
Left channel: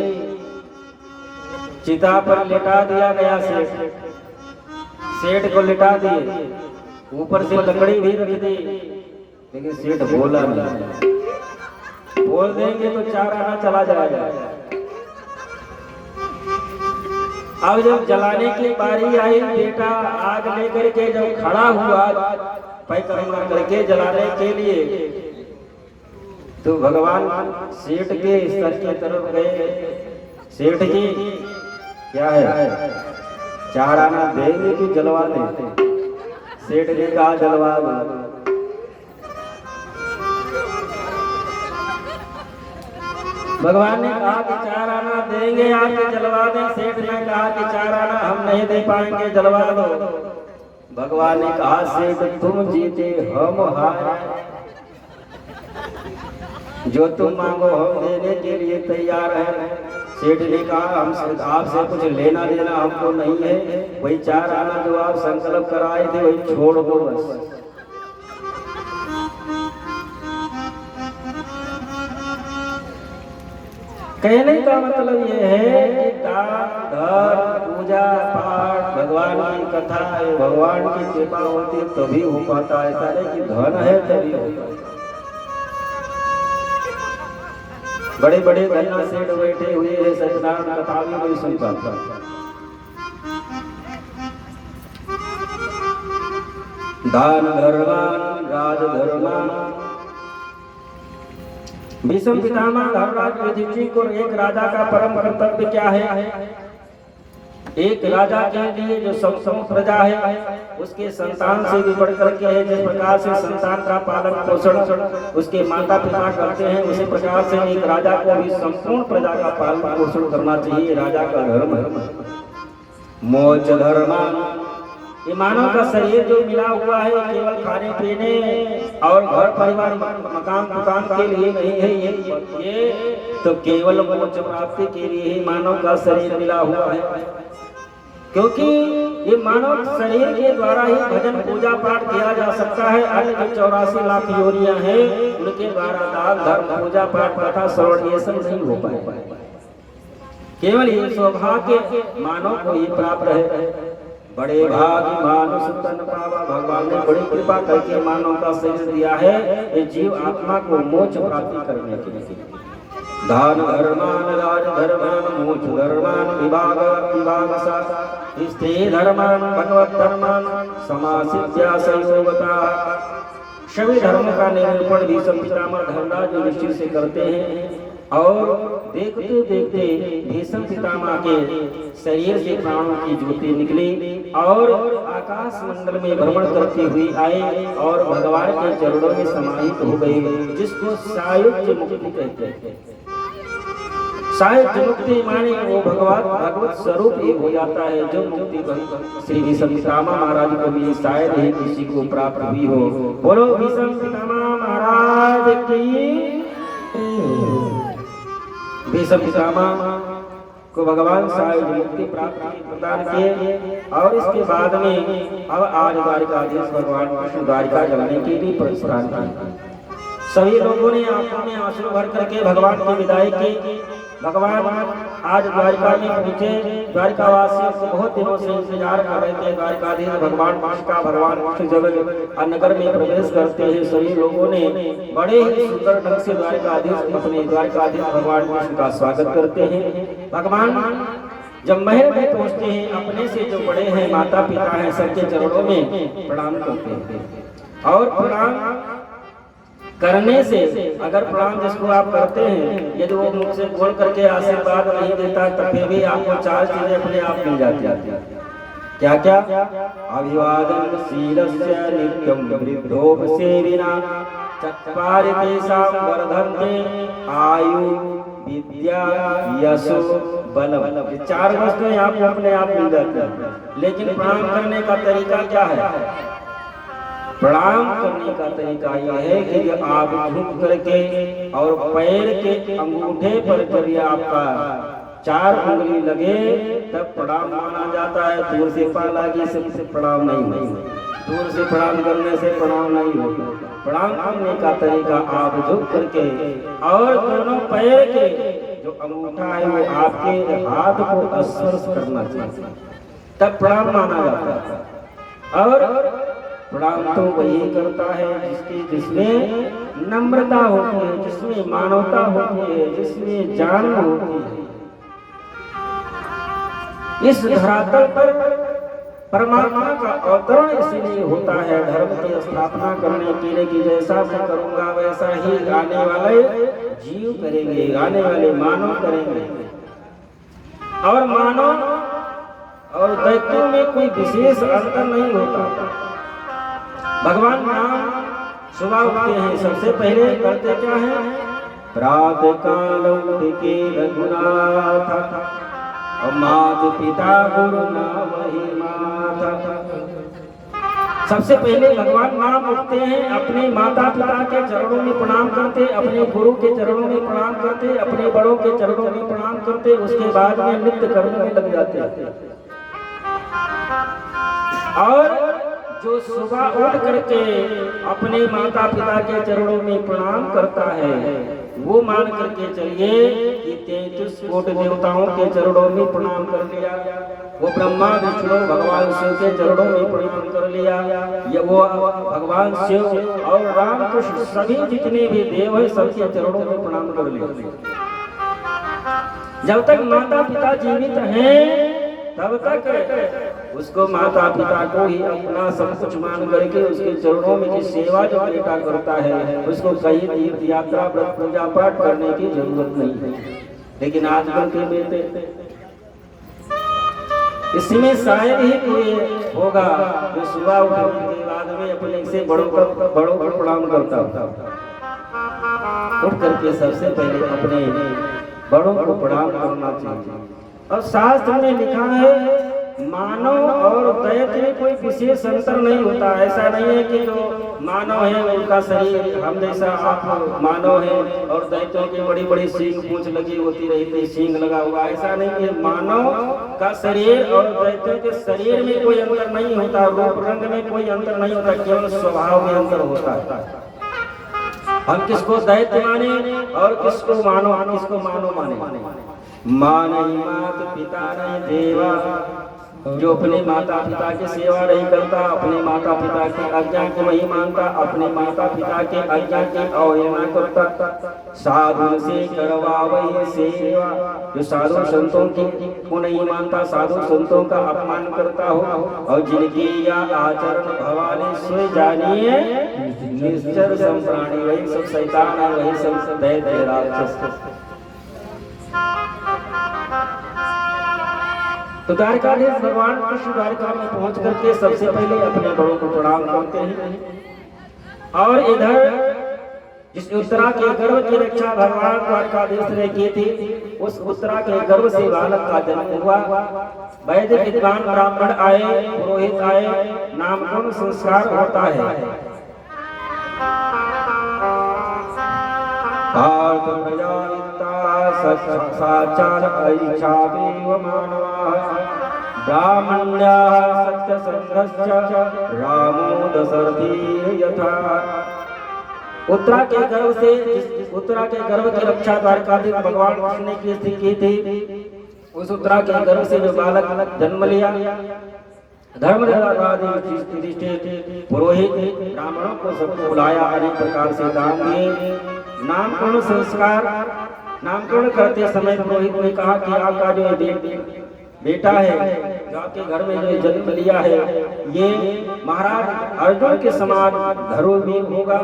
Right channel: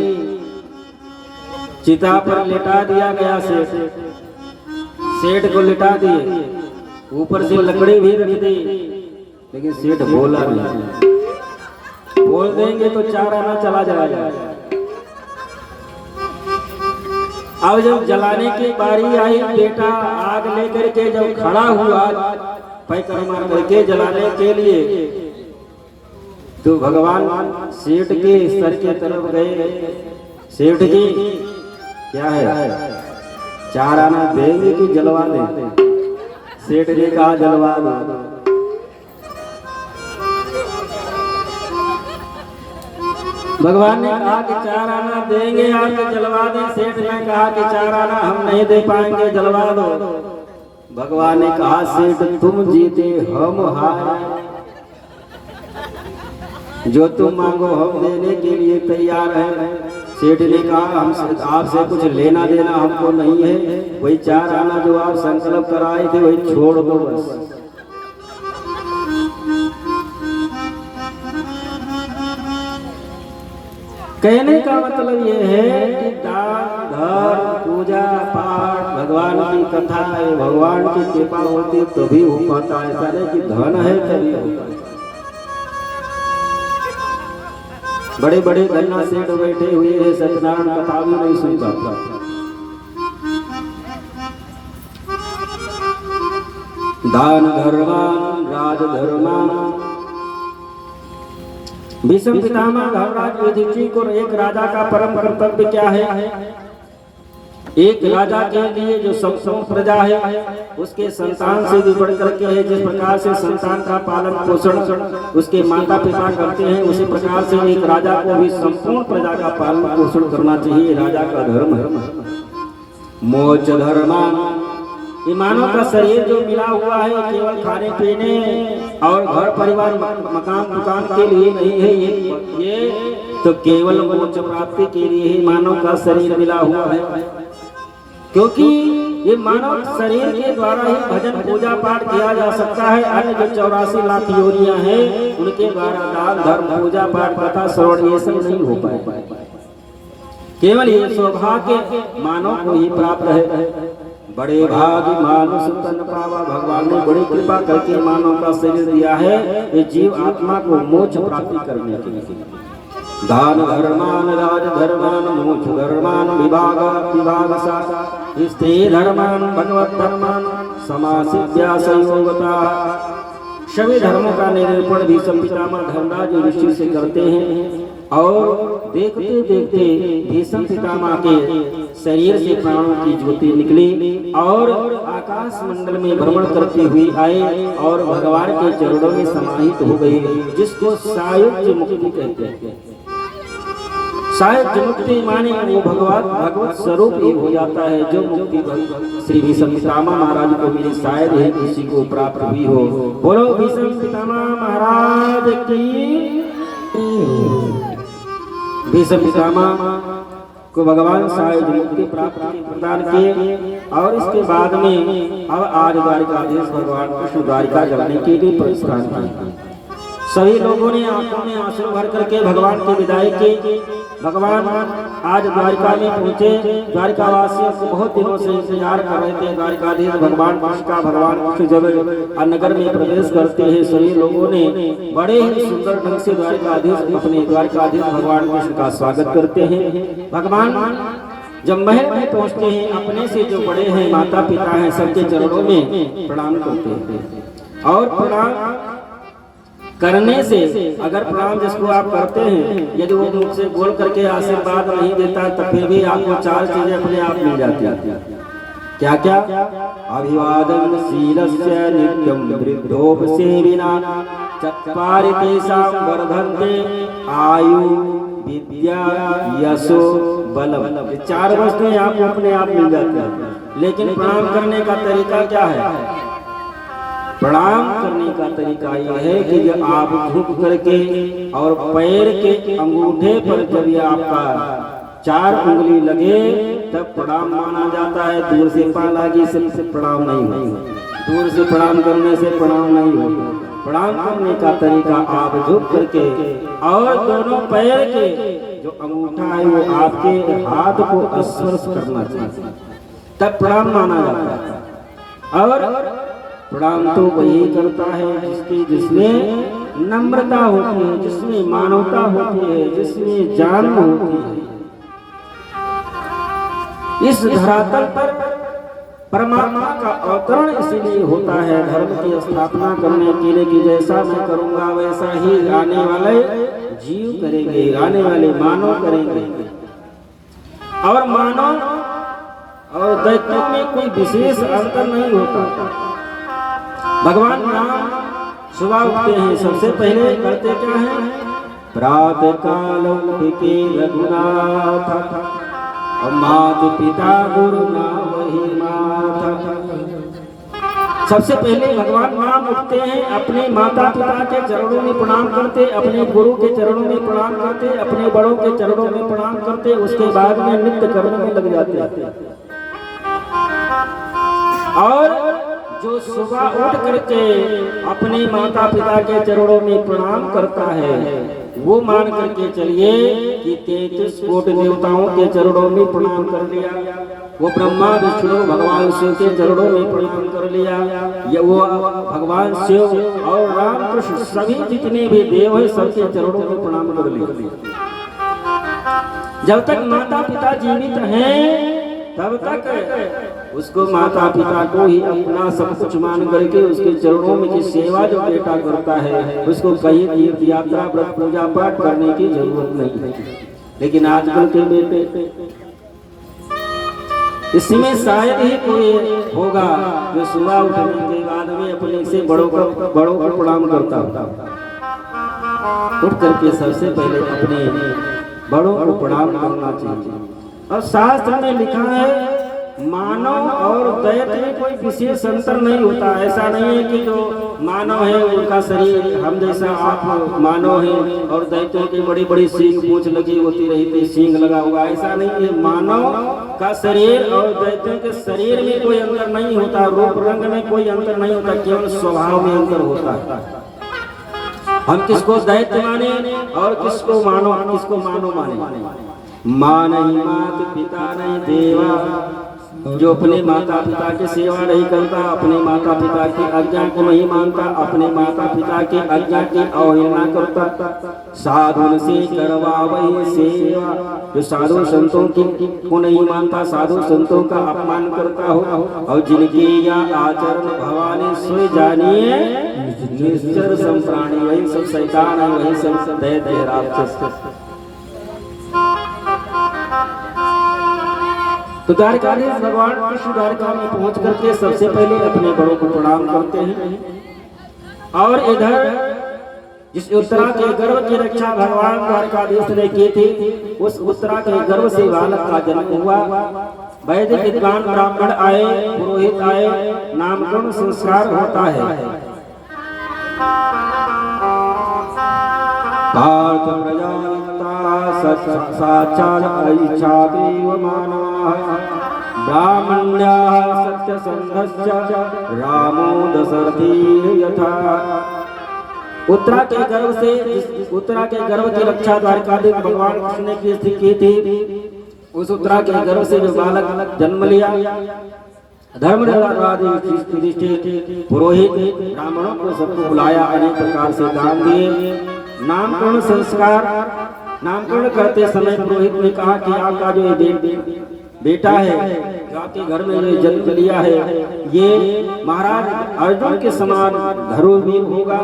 चिता पर लेटा दिया गया। सेठ को लिटा दिए, ऊपर से लकड़ी भी रख दी, लेकिन सेठ बोला नहीं। बोल देंगे तो 4 आना चला जाएगा। अब जब जलाने की बारी आई, बेटा आग लेकर के जब खड़ा हुआ पैकर्मा करके जलाने के लिए, तो भगवान सेठ के सर के तरफ गए। सेठ जी क्या है, 4 आना देंगे कि जलवा दें? सेठ ने कहा जलवा दो। भगवान ने कहा कि 4 आना देंगे आपके, जलवा दें। सेठ ने कहा कि 4 आना हम नहीं दे पाएंगे, जलवा दो। भगवान ने कहा सेठ तुम जीते हम हारे, जो तुम मांगो हम देने के लिए तैयार हैं। सेठ ने कहा हमसे आपसे कुछ लेना देना हमको नहीं है, वही 4 आना जो आप संकल्प कराए थे वही छोड़ दो बस। कहने का मतलब ये है कि दान धर्म पूजा पाठ भगवान की कथा है, भगवान की कृपा होती है तभी हो पाता है, ऐसा नहीं कि धन है तभी होता है। बड़े बड़े धन्ना सेठ बैठे हुए हैं, सत्यनारायण कथा भी नहीं सुन पाता। दान धर्मान राज धर्मान। भीष्म पितामह धर्मराज युधिष्ठिर को एक राजा का परम कर्तव्य क्या है? एक राजा के लिए जो सब प्रजा है उसके संतान से भी बढ़ करके है। जिस प्रकार से संतान का पालन पोषण उसके माता पिता करते हैं, उसी प्रकार से एक राजा को भी संपूर्ण प्रजा का पालन पोषण करना चाहिए। राजा का धर्म है। मोक्ष धर्म। ये मानव का शरीर जो मिला हुआ है केवल खाने पीने और घर परिवार मकान दुकान के लिए नहीं है, ये तो केवल मोक्ष प्राप्ति के लिए ही मानव का शरीर मिला हुआ है। क्योंकि ये मानव शरीर के द्वारा ही भजन पूजा पाठ किया जा सकता है। अन्य जो 84 लाख योनियां हैं उनके द्वारा दान धर्म पूजा पाठ कथा श्रवण ये सब नहीं हो पाए। केवल ये सौभाग्य मानव को ही प्राप्त है। बड़े भागी मानुष तन पावा। भगवान ने बड़ी कृपा करके मानव का शरीर दिया है ये जीव आत्मा को मोक्ष प्राप्ति करने के लिए। दान धर्मान राज धर्मान मोक्ष धर्मान विभाग विभाग स्त्री धर्मान भगवत धर्मान समासिद्या संयोगता। सभी धर्मों का निरूपण भी पितामह धर्मराज युधिष्ठिर से करते हैं। और देखते देखते भीष्म पितामह के शरीर से प्राणों की ज्योति निकली और आकाश मंडल में भ्रमण करती हुई आए और भगवान के चरणों में समाहित हो गई, जिसको सायुज्य मुक्ति कहते हैं। सायुज्य मुक्ति माने वो भगवत स्वरूप ही हो जाता है। जो मुक्ति श्री भीष्म पितामह महाराज को भी शायद ही किसी को प्राप्त हुई हो। बोलो भीष्म पितामह महाराज की। भीष्म पितामह को भगवान सायुज्य मुक्ति प्राप्ति प्रदान किए और उसके बाद में अब आज द्वारिकाधीश भगवान कृष्ण द्वारिका करने के लिए प्रस्थान किया। सभी लोगों ने आंखों में आंसू भर करके भगवान की विदाई की। भगवान आज द्वारिका में पहुंचे। द्वारिकावासियों को बहुत दिनों से इंतजार कर रहे थे। द्वारिकाधीश भगवान कृष्ण का भगवान कृष्ण जब नगर में प्रवेश करते हैं सभी लोगों ने बड़े ही सुंदर ढंग से अपने द्वारिकाधीश भगवान कृष्ण का स्वागत करते हैं। भगवान जब महल में पहुंचते हैं अपने से जो बड़े हैं माता पिता हैं सबके चरणों में प्रणाम करते हैं। और प्रणाम करने से अगर प्रणाम जिसको आप करते हैं यदि वो मुख से बोल करके आशीर्वाद नहीं देता तो फिर भी आपको 4 चीजें अपने आप मिल जाती हैं। क्या क्या? अभिवादन शीलस्य नित्यं वृद्धोपसेविना चत्वारि तेषां वर्धन्ते आयु विद्या यशो बलम। 4 वस्तुएं आपको अपने आप मिल जाती हैं। लेकिन प्रणाम करने का तरीका क्या है? प्रणाम करने का तरीका यह है कि जब आप झुक करके और पैर के अंगूठे पर जब आपका 4 उंगली लगे तब प्रणाम माना जाता है। दूर से पालागी से प्रणाम नहीं होगा। दूर से प्रणाम करने से प्रणाम नहीं होगा। प्रणाम करने का तरीका आप झुक करके और दोनों पैर के जो अंगूठा है वो आपके हाथ को स्पर्श करना चाहिए, तब प्रणाम माना जाता है। और प्रणाम तो वही करता है जिसमें नम्रता होती है, जिसमें मानवता होती है, जिसमें जान होती है। इस धरातल पर परमात्मा का अवतरण इसलिए होता है धर्म की स्थापना करने के लिए कि जैसा मैं करूंगा वैसा ही आने वाले जीव करेंगे, आने वाले मानव करेंगे। और मानव और दैत्यों में कोई विशेष अंतर नहीं होता। भगवान नाम सुबह उठते हैं सबसे पहले करते क्या है? प्रातः काल उठके रघुनाथ, और माता पिता गुरु नाम ही माता। सबसे पहले भगवान नाम उठते हैं, अपने माता पिता के चरणों में प्रणाम करते, अपने गुरु के चरणों में प्रणाम करते, अपने बड़ों के चरणों में प्रणाम करते, उसके बाद में नित्य कर्म में लग जाते हैं। और जो सुबह उठ करके अपने माता पिता के चरणों में प्रणाम करता है, वो मान करके चलिए कि 33 कोटि देवताओं के चरणों में प्रणाम कर लिया, वो ब्रह्मा विष्णु भगवान शिव के चरणों में प्रणाम कर लिया, या वो भगवान शिव और राम कृष्ण सभी जितने भी देव हैं सबके चरणों में प्रणाम कर लिया। जब तक माता पिता जीवित हैं तब तक उसको माता पिता को ही अपना सब कुछ मान करके उसके चरणों में की सेवा जो बेटा करता है, उसको कहीं तीर्थ यात्रा व्रत पूजा पाठ करने की जरूरत नहीं है। लेकिन आजकल के बेटे इसमें शायद ही कोई होगा जो सुबह उठने के बाद में अपने से बड़ों को प्रणाम करता। उठ करके सबसे पहले अपने बड़ों को प्रणाम करना चाहिए। और शास्त्र में लिखा है मानव और दैत्य में कोई विशेष अंतर नहीं होता। ऐसा नहीं है कि जो मानव है उनका शरीर हम जैसा आप मानव है और दैत्यों की बड़ी बड़ी सींग पूंछ लगी होती रहती, सींग लगा हुआ, ऐसा नहीं है। मानव का शरीर और दैत्यों के शरीर में कोई अंतर नहीं होता, रूप रंग में कोई अंतर नहीं होता, केवल स्वभाव में अंतर होता है। हम किसको दैत्य माने और किसको मानव माने। माँ नहीं मात पिता नहीं देवा, जो अपने माता पिता की सेवा नहीं करता, अपने माता पिता की आज्ञा को नहीं मानता, अपने माता पिता की आज्ञा की अवहेलना करता, साधु से करवावई सेवा, जो साधु संतों की को नहीं मानता, साधु संतों का अपमान करता हो, और जिनकी या आचरण भवानी सोई जानिए निश्चर संप्राणी, वही सब शैतान है, वही सब दैत्य राक्षस। तो द्वारकाधीश भगवान कृष्ण द्वारका में पहुंच करके सबसे पहले अपने बड़ों को प्रणाम करते हैं। और इधर जिस उत्तरा के गर्भ की रक्षा भगवान द्वारकाधीश ने की थी, उस उत्तरा के गर्भ से बालक का जन्म हुआ। वैदिक विद्वान ब्राह्मण आए, पुरोहित आए, नामकरण संस्कार होता है। पार्थ साचार ऐच्छा देव मानवाः ब्राह्मण्याः सत्यसंधश्च रामो दशरथी यथा। उत्तरा के गर्भ की रक्षा द्वारकाधीश भगवान कृष्ण ने की थी। उस उत्तरा के गर्भ से जो बालक जन्म लिया, धर्मराज युधिष्ठिर पुरोहित ब्राह्मणों को सबको बुलाया, अनेक प्रकार से दान दिए। नामकरण करते समय पुरोहित ने कहा कि आपका जो बेटा है, जो आपके घर में जो जन्म लिया है, ये महाराज अर्जुन के समान धर्मवीर होगा,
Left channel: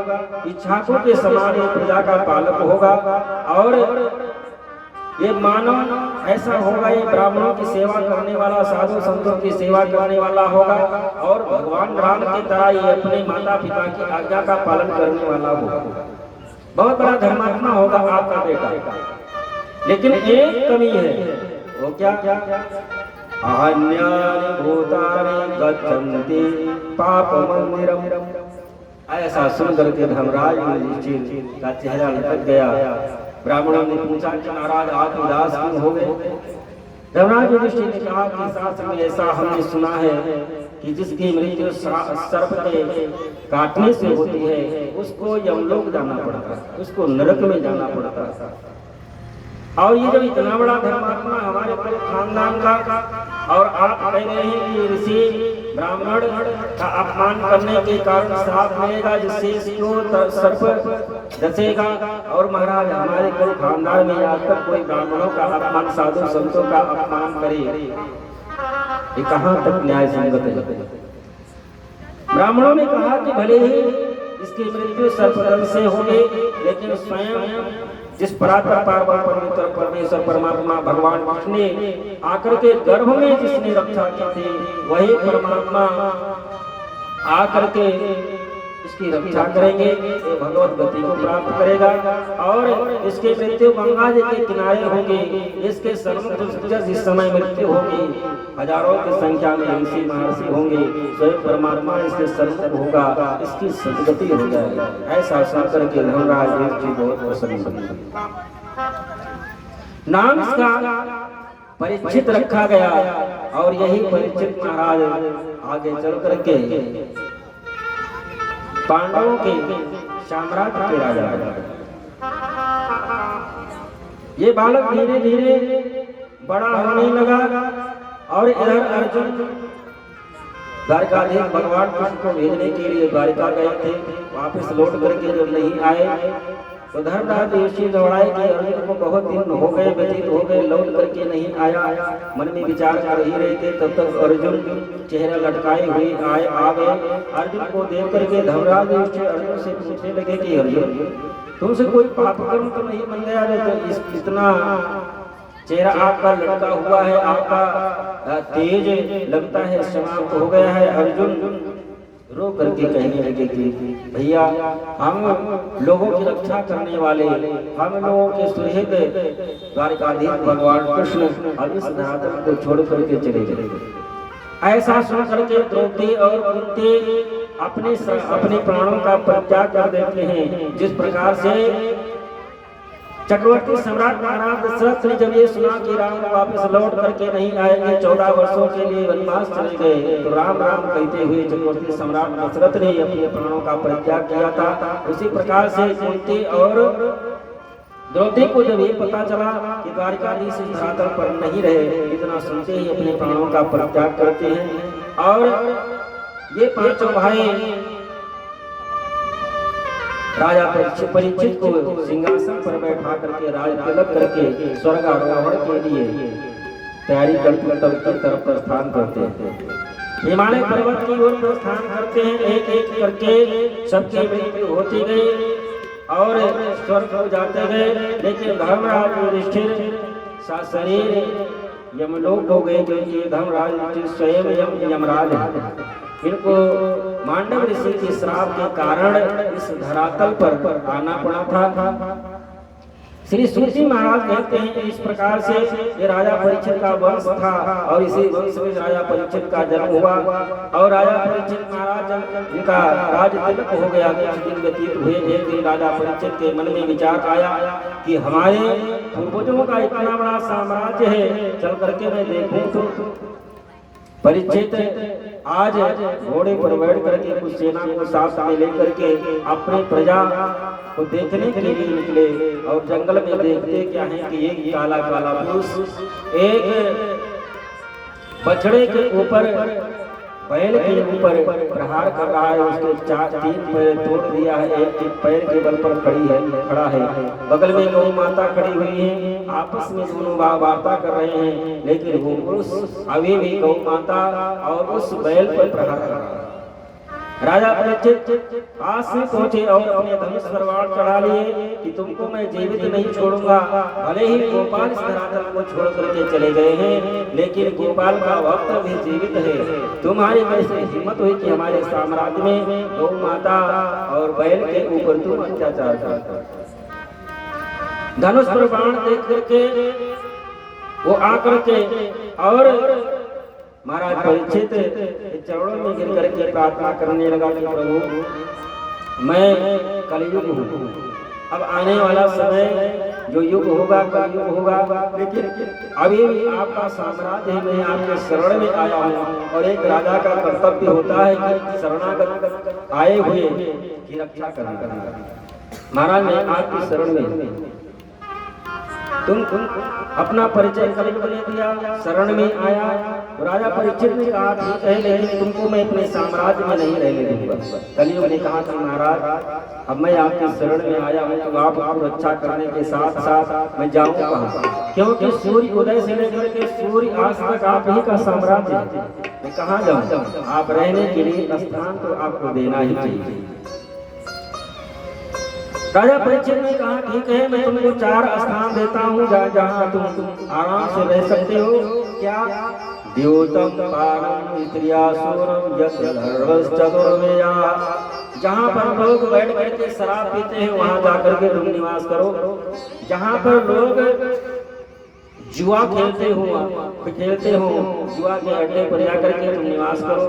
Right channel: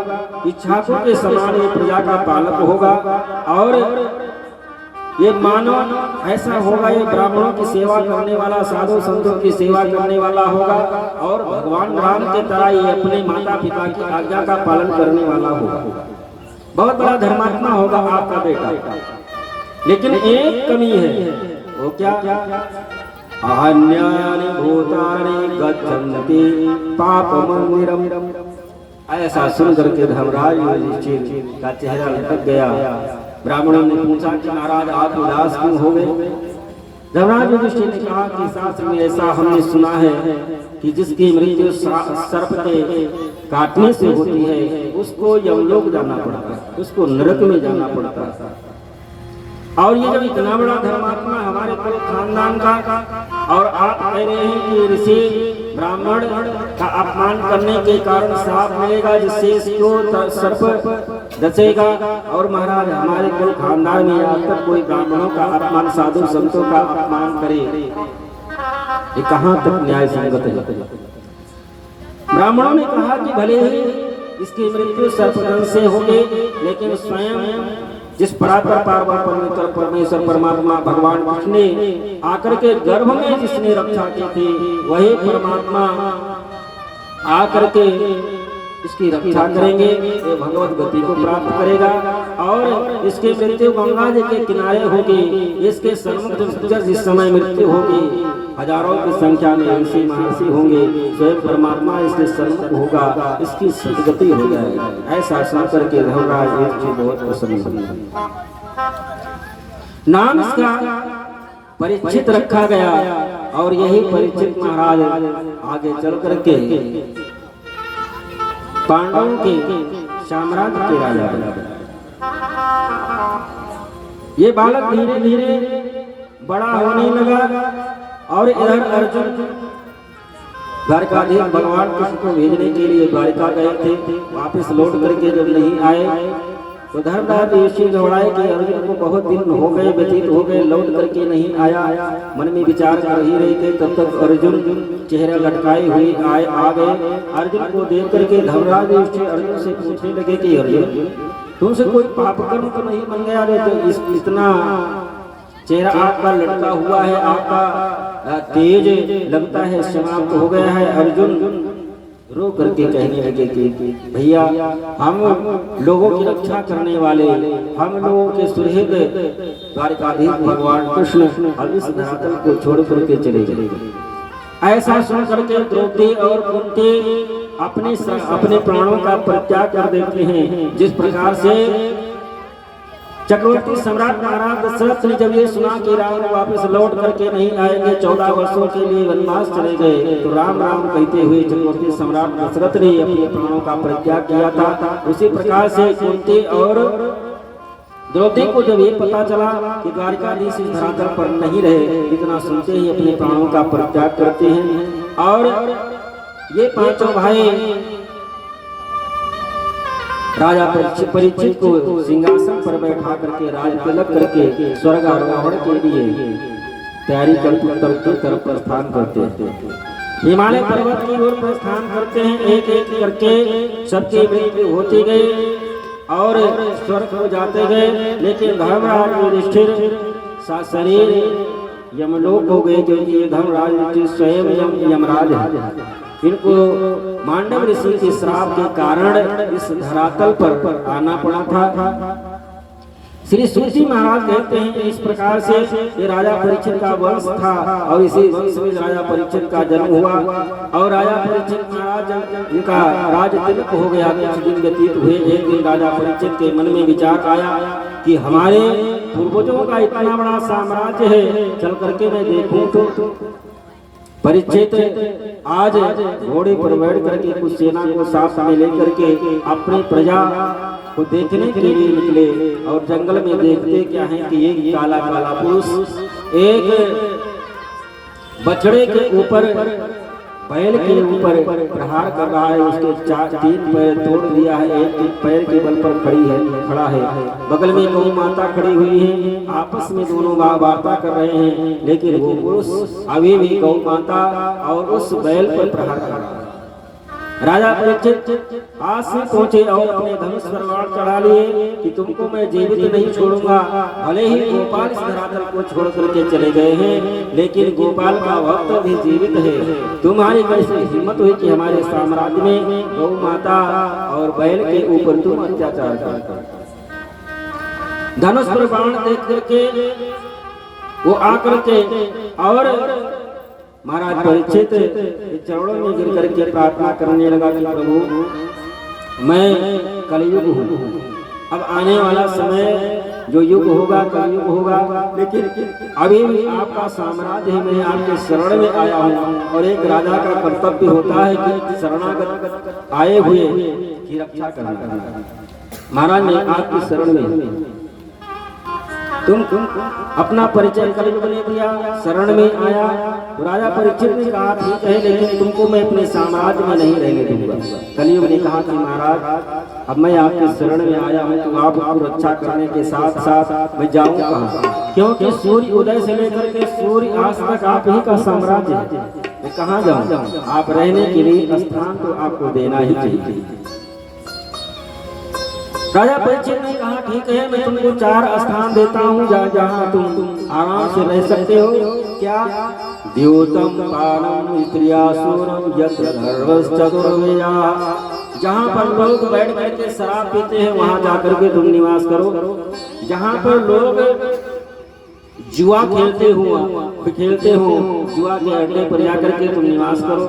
इच्छाकों के समान प्रजा का पालक होगा, और ये मानव ऐसा होगा, ये ब्राह्मणों की सेवा करने वाला, साधु संतों की सेवा करने वाला होगा, और भगवान राम के तरह ये अपने माता पिता की आज्ञा का पालन करने वाला होगा। बहुत बड़ा धर्मात्मा होगा आपका बेटा। लेकिन एक कमी है, वो क्या? अन्यानि भूतानि गच्छन्ति पाप मंदिरम। ऐसा सुंदर के धर्मराज युधिष्ठिर का चेहरा लटक गया। ब्राह्मणों ने पूछा कि महाराज आप उदास क्यों हो गए? धर्मराज युधिष्ठिर ने कहा कि शास्त्र में ऐसा हमने सुना है कि जिसकी मृत्यु सर्प के काटने से होती है, उसको यमलोक जाना पड़ता है, उसको नरक में जाना पड़ता है। और ये जब इतना बड़ा धर्मात्मा हमारे पूरे खानदान का, और आप कह रहे हैं कि ऋषि ब्राह्मण का अपमान करने के कारण श्राप मिलेगा, जिससे इसको सर्प डसेगा, और महाराज हमारे कुल खानदान में आज तक कोई ब्राह्मणों का अपमान, साधु संतों का अपमान करे, ये कहाँ तक न्याय संगत है? ब्राह्मणों ने कहा कि भले ही इसकी मृत्यु सर्पदंश से होगी, लेकिन स्वयं जिस परात्पर पार्वती परमेश्वर परमात्मा भगवान कृष्ण ने आकर के गर्भ में जिसने रक्षा की थी, वही परमात्मा आकर के इसकी रक्षा करेंगे ये भगवत गति को प्राप्त करेगा। और इसके मृत्यु गंगा जी के किनारे होगी। इसके सन्मुख जिस समय मृत्यु होगी हजारों की संख्या में ऋषि महर्षि होंगे, स्वयं परमात्मा इसके सन्मुख होगा, इसकी सदगति हो जाएगी। ऐसा सुनकर के धर्मराज जी बहुत प्रसन्न हुए। नाम इसका परीक्षित रखा गया और यही परीक्षित महाराज आगे चल करके पांडवों के साम्राज्य के राजा बने। ये बालक धीरे धीरे बड़ा होने लगा और इधर अर्जुन द्वारिकाधीश भगवान कृष्ण को भेजने के लिए द्वारिका गए थे। वापस लौट करके जब नहीं आए तो धर्मराज ऋषि घबराए कि अर्जुन को बहुत दिन हो गए, व्यतीत हो गए, लौट करके नहीं आया। मन में विचार कर ही रहे थे, तब तक अर्जुन चेहरा लटकाए हुए आ गए। अर्जुन को देख करके धर्मराज ऋषि अर्जुन से पूछने लगे कि अर्जुन तुमसे कोई पाप कर्म तो नहीं बन गया रे? तो इतना चेहरा आपका लटका हुआ है, आपका तेज लगता है, समाप्त हो गया है। अर्जुन रो करके कहने लगे कि भैया हम लोगों की रक्षा करने वाले, हम लोगों के सुहृद द्वारिकाधीश भगवान कृष्ण अब इस धरातल को छोड़ करके चले गए। ऐसा सुन करके द्रौपदी और कुंती अपने प्राणों का परित्याग कर देते हैं। जिस प्रकार से चक्रवर्ती सम्राट महाराज दशरथ ने जब ये सुना कि राम वापस लौट करके नहीं आएंगे, 14 वर्षों के लिए वनवास चले गए, तो राम राम कहते हुए चक्रवर्ती सम्राट दशरथ ने अपने प्राणों का परित्याग किया था। उसी प्रकार से कुंती और द्रौपदी को जब ये पता चला कि द्वारिकाधीश इस धरातल पर नहीं रहे, इतना सुनते ही अपने प्राणों का परित्याग करते हैं। और ये पांचों भाई राजा परीक्षित को सिंहासन पर बैठा करके राज तिलक करके स्वर्गारोहण के लिए तैयारी करते तरफ प्रस्थान करते हैं। हिमालय पर्वत की ओर प्रस्थान करते हैं। एक एक करके सबकी मृत्यु होती गई और स्वर्ग हो जाते गए। लेकिन धर्मराज युधिष्ठिर शरीर यमलोक हो गए, क्योंकि धर्मराज स्वयं यमराज है। इनको मांडव ऋषि के श्राप के कारण इस धरातल पर आना पड़ा था। श्री सूजी महाराज कहते हैं इस प्रकार से ये राजा परीक्षित का वंश था और इसी वंश में राजा परीक्षित का जन्म हुआ। और राजा परीक्षित महाराज जिनका राज तिलक हो गया, कुछ दिन व्यतीत हुए। एक दिन राजा परीक्षित के मन में विचार आया कि हमारे पूर्वजों का इतना बड़ा साम्राज्य है, चल करके मैं देखूं तो। परीक्षित आज घोड़े पर बैठ करके कुछ सेना को साथ में लेकर के अपनी प्रजा को देखने के लिए निकले और जंगल में देखते क्या है कि एक काला काला पुरुष एक बछड़े के ऊपर बैल के ऊपर प्रहार कर रहा है। उसके 3 पैर तोड़ दिया है, एक पैर के बल पर खड़ा है। बगल में गौ माता खड़ी हुई है, आपस में दोनों वार्ता कर रहे हैं। लेकिन वो पुरुष अभी भी गौ माता और उस बैल पर प्रहार कर रहा है। राजा परीक्षित पास में पहुंचे और अपने धनुष पर बाण चढ़ा लिए कि तुमको मैं जीवित नहीं छोड़ूंगा। भले ही गोपाल इस धरातल को छोड़ करके चले गए हैं, लेकिन गोपाल का भक्त भी जीवित है। तुम्हारी कैसे हिम्मत हुई कि हमारे साम्राज्य में गौ माता और बैल के ऊपर तुम अत्याचार करते? धनुष पर बाण देख करके वो आकर के और महाराज परीक्षित चरणों में गिर करके प्रार्थना करने लगा कि प्रभु मैं कलयुग हूँ, अब आने वाला समय जो युग होगा कलयुग होगा, लेकिन अभी भी आपका साम्राज्य है, मैं आपके शरण में आया हूँ। और एक राजा का कर्तव्य होता है कि शरणागत आए हुए की रक्षा करना। महाराज मैं आपकी शरण में, तुम अपना परिचय कलयुग ने दिया, शरण में आया। तो राजा परीक्षित ने कहा ठीक है, लेकिन तुमको मैं अपने साम्राज्य में नहीं रहने दूंगा। कलयुग ने कहा कि महाराज अब मैं आपके शरण में आया हूँ, तो आपको रक्षा करने के साथ साथ मैं जाऊँ कहाँ? क्योंकि सूर्य उदय से लेकर के सूर्य अस्त तक आप ही का साम्राज्य है, मैं कहाँ जाऊँ? आप रहने के लिए स्थान तो आपको देना ही चाहिए। राजा परीक्षित ने कहा ठीक है, मैं तुमको 4 स्थान देता हूँ जहाँ तुम आराम से रह सकते हो। क्या? द्योतम पानम स्त्रियासुरम यत्र धर्मश्चतुर्वेदा जहाँ पर लोग बैठ करके शराब पीते हैं वहां जाकर के तुम निवास करो। जहाँ पर लोग जुआ खेलते हो जुआ के अड्डे पर जाकर के तुम निवास करो।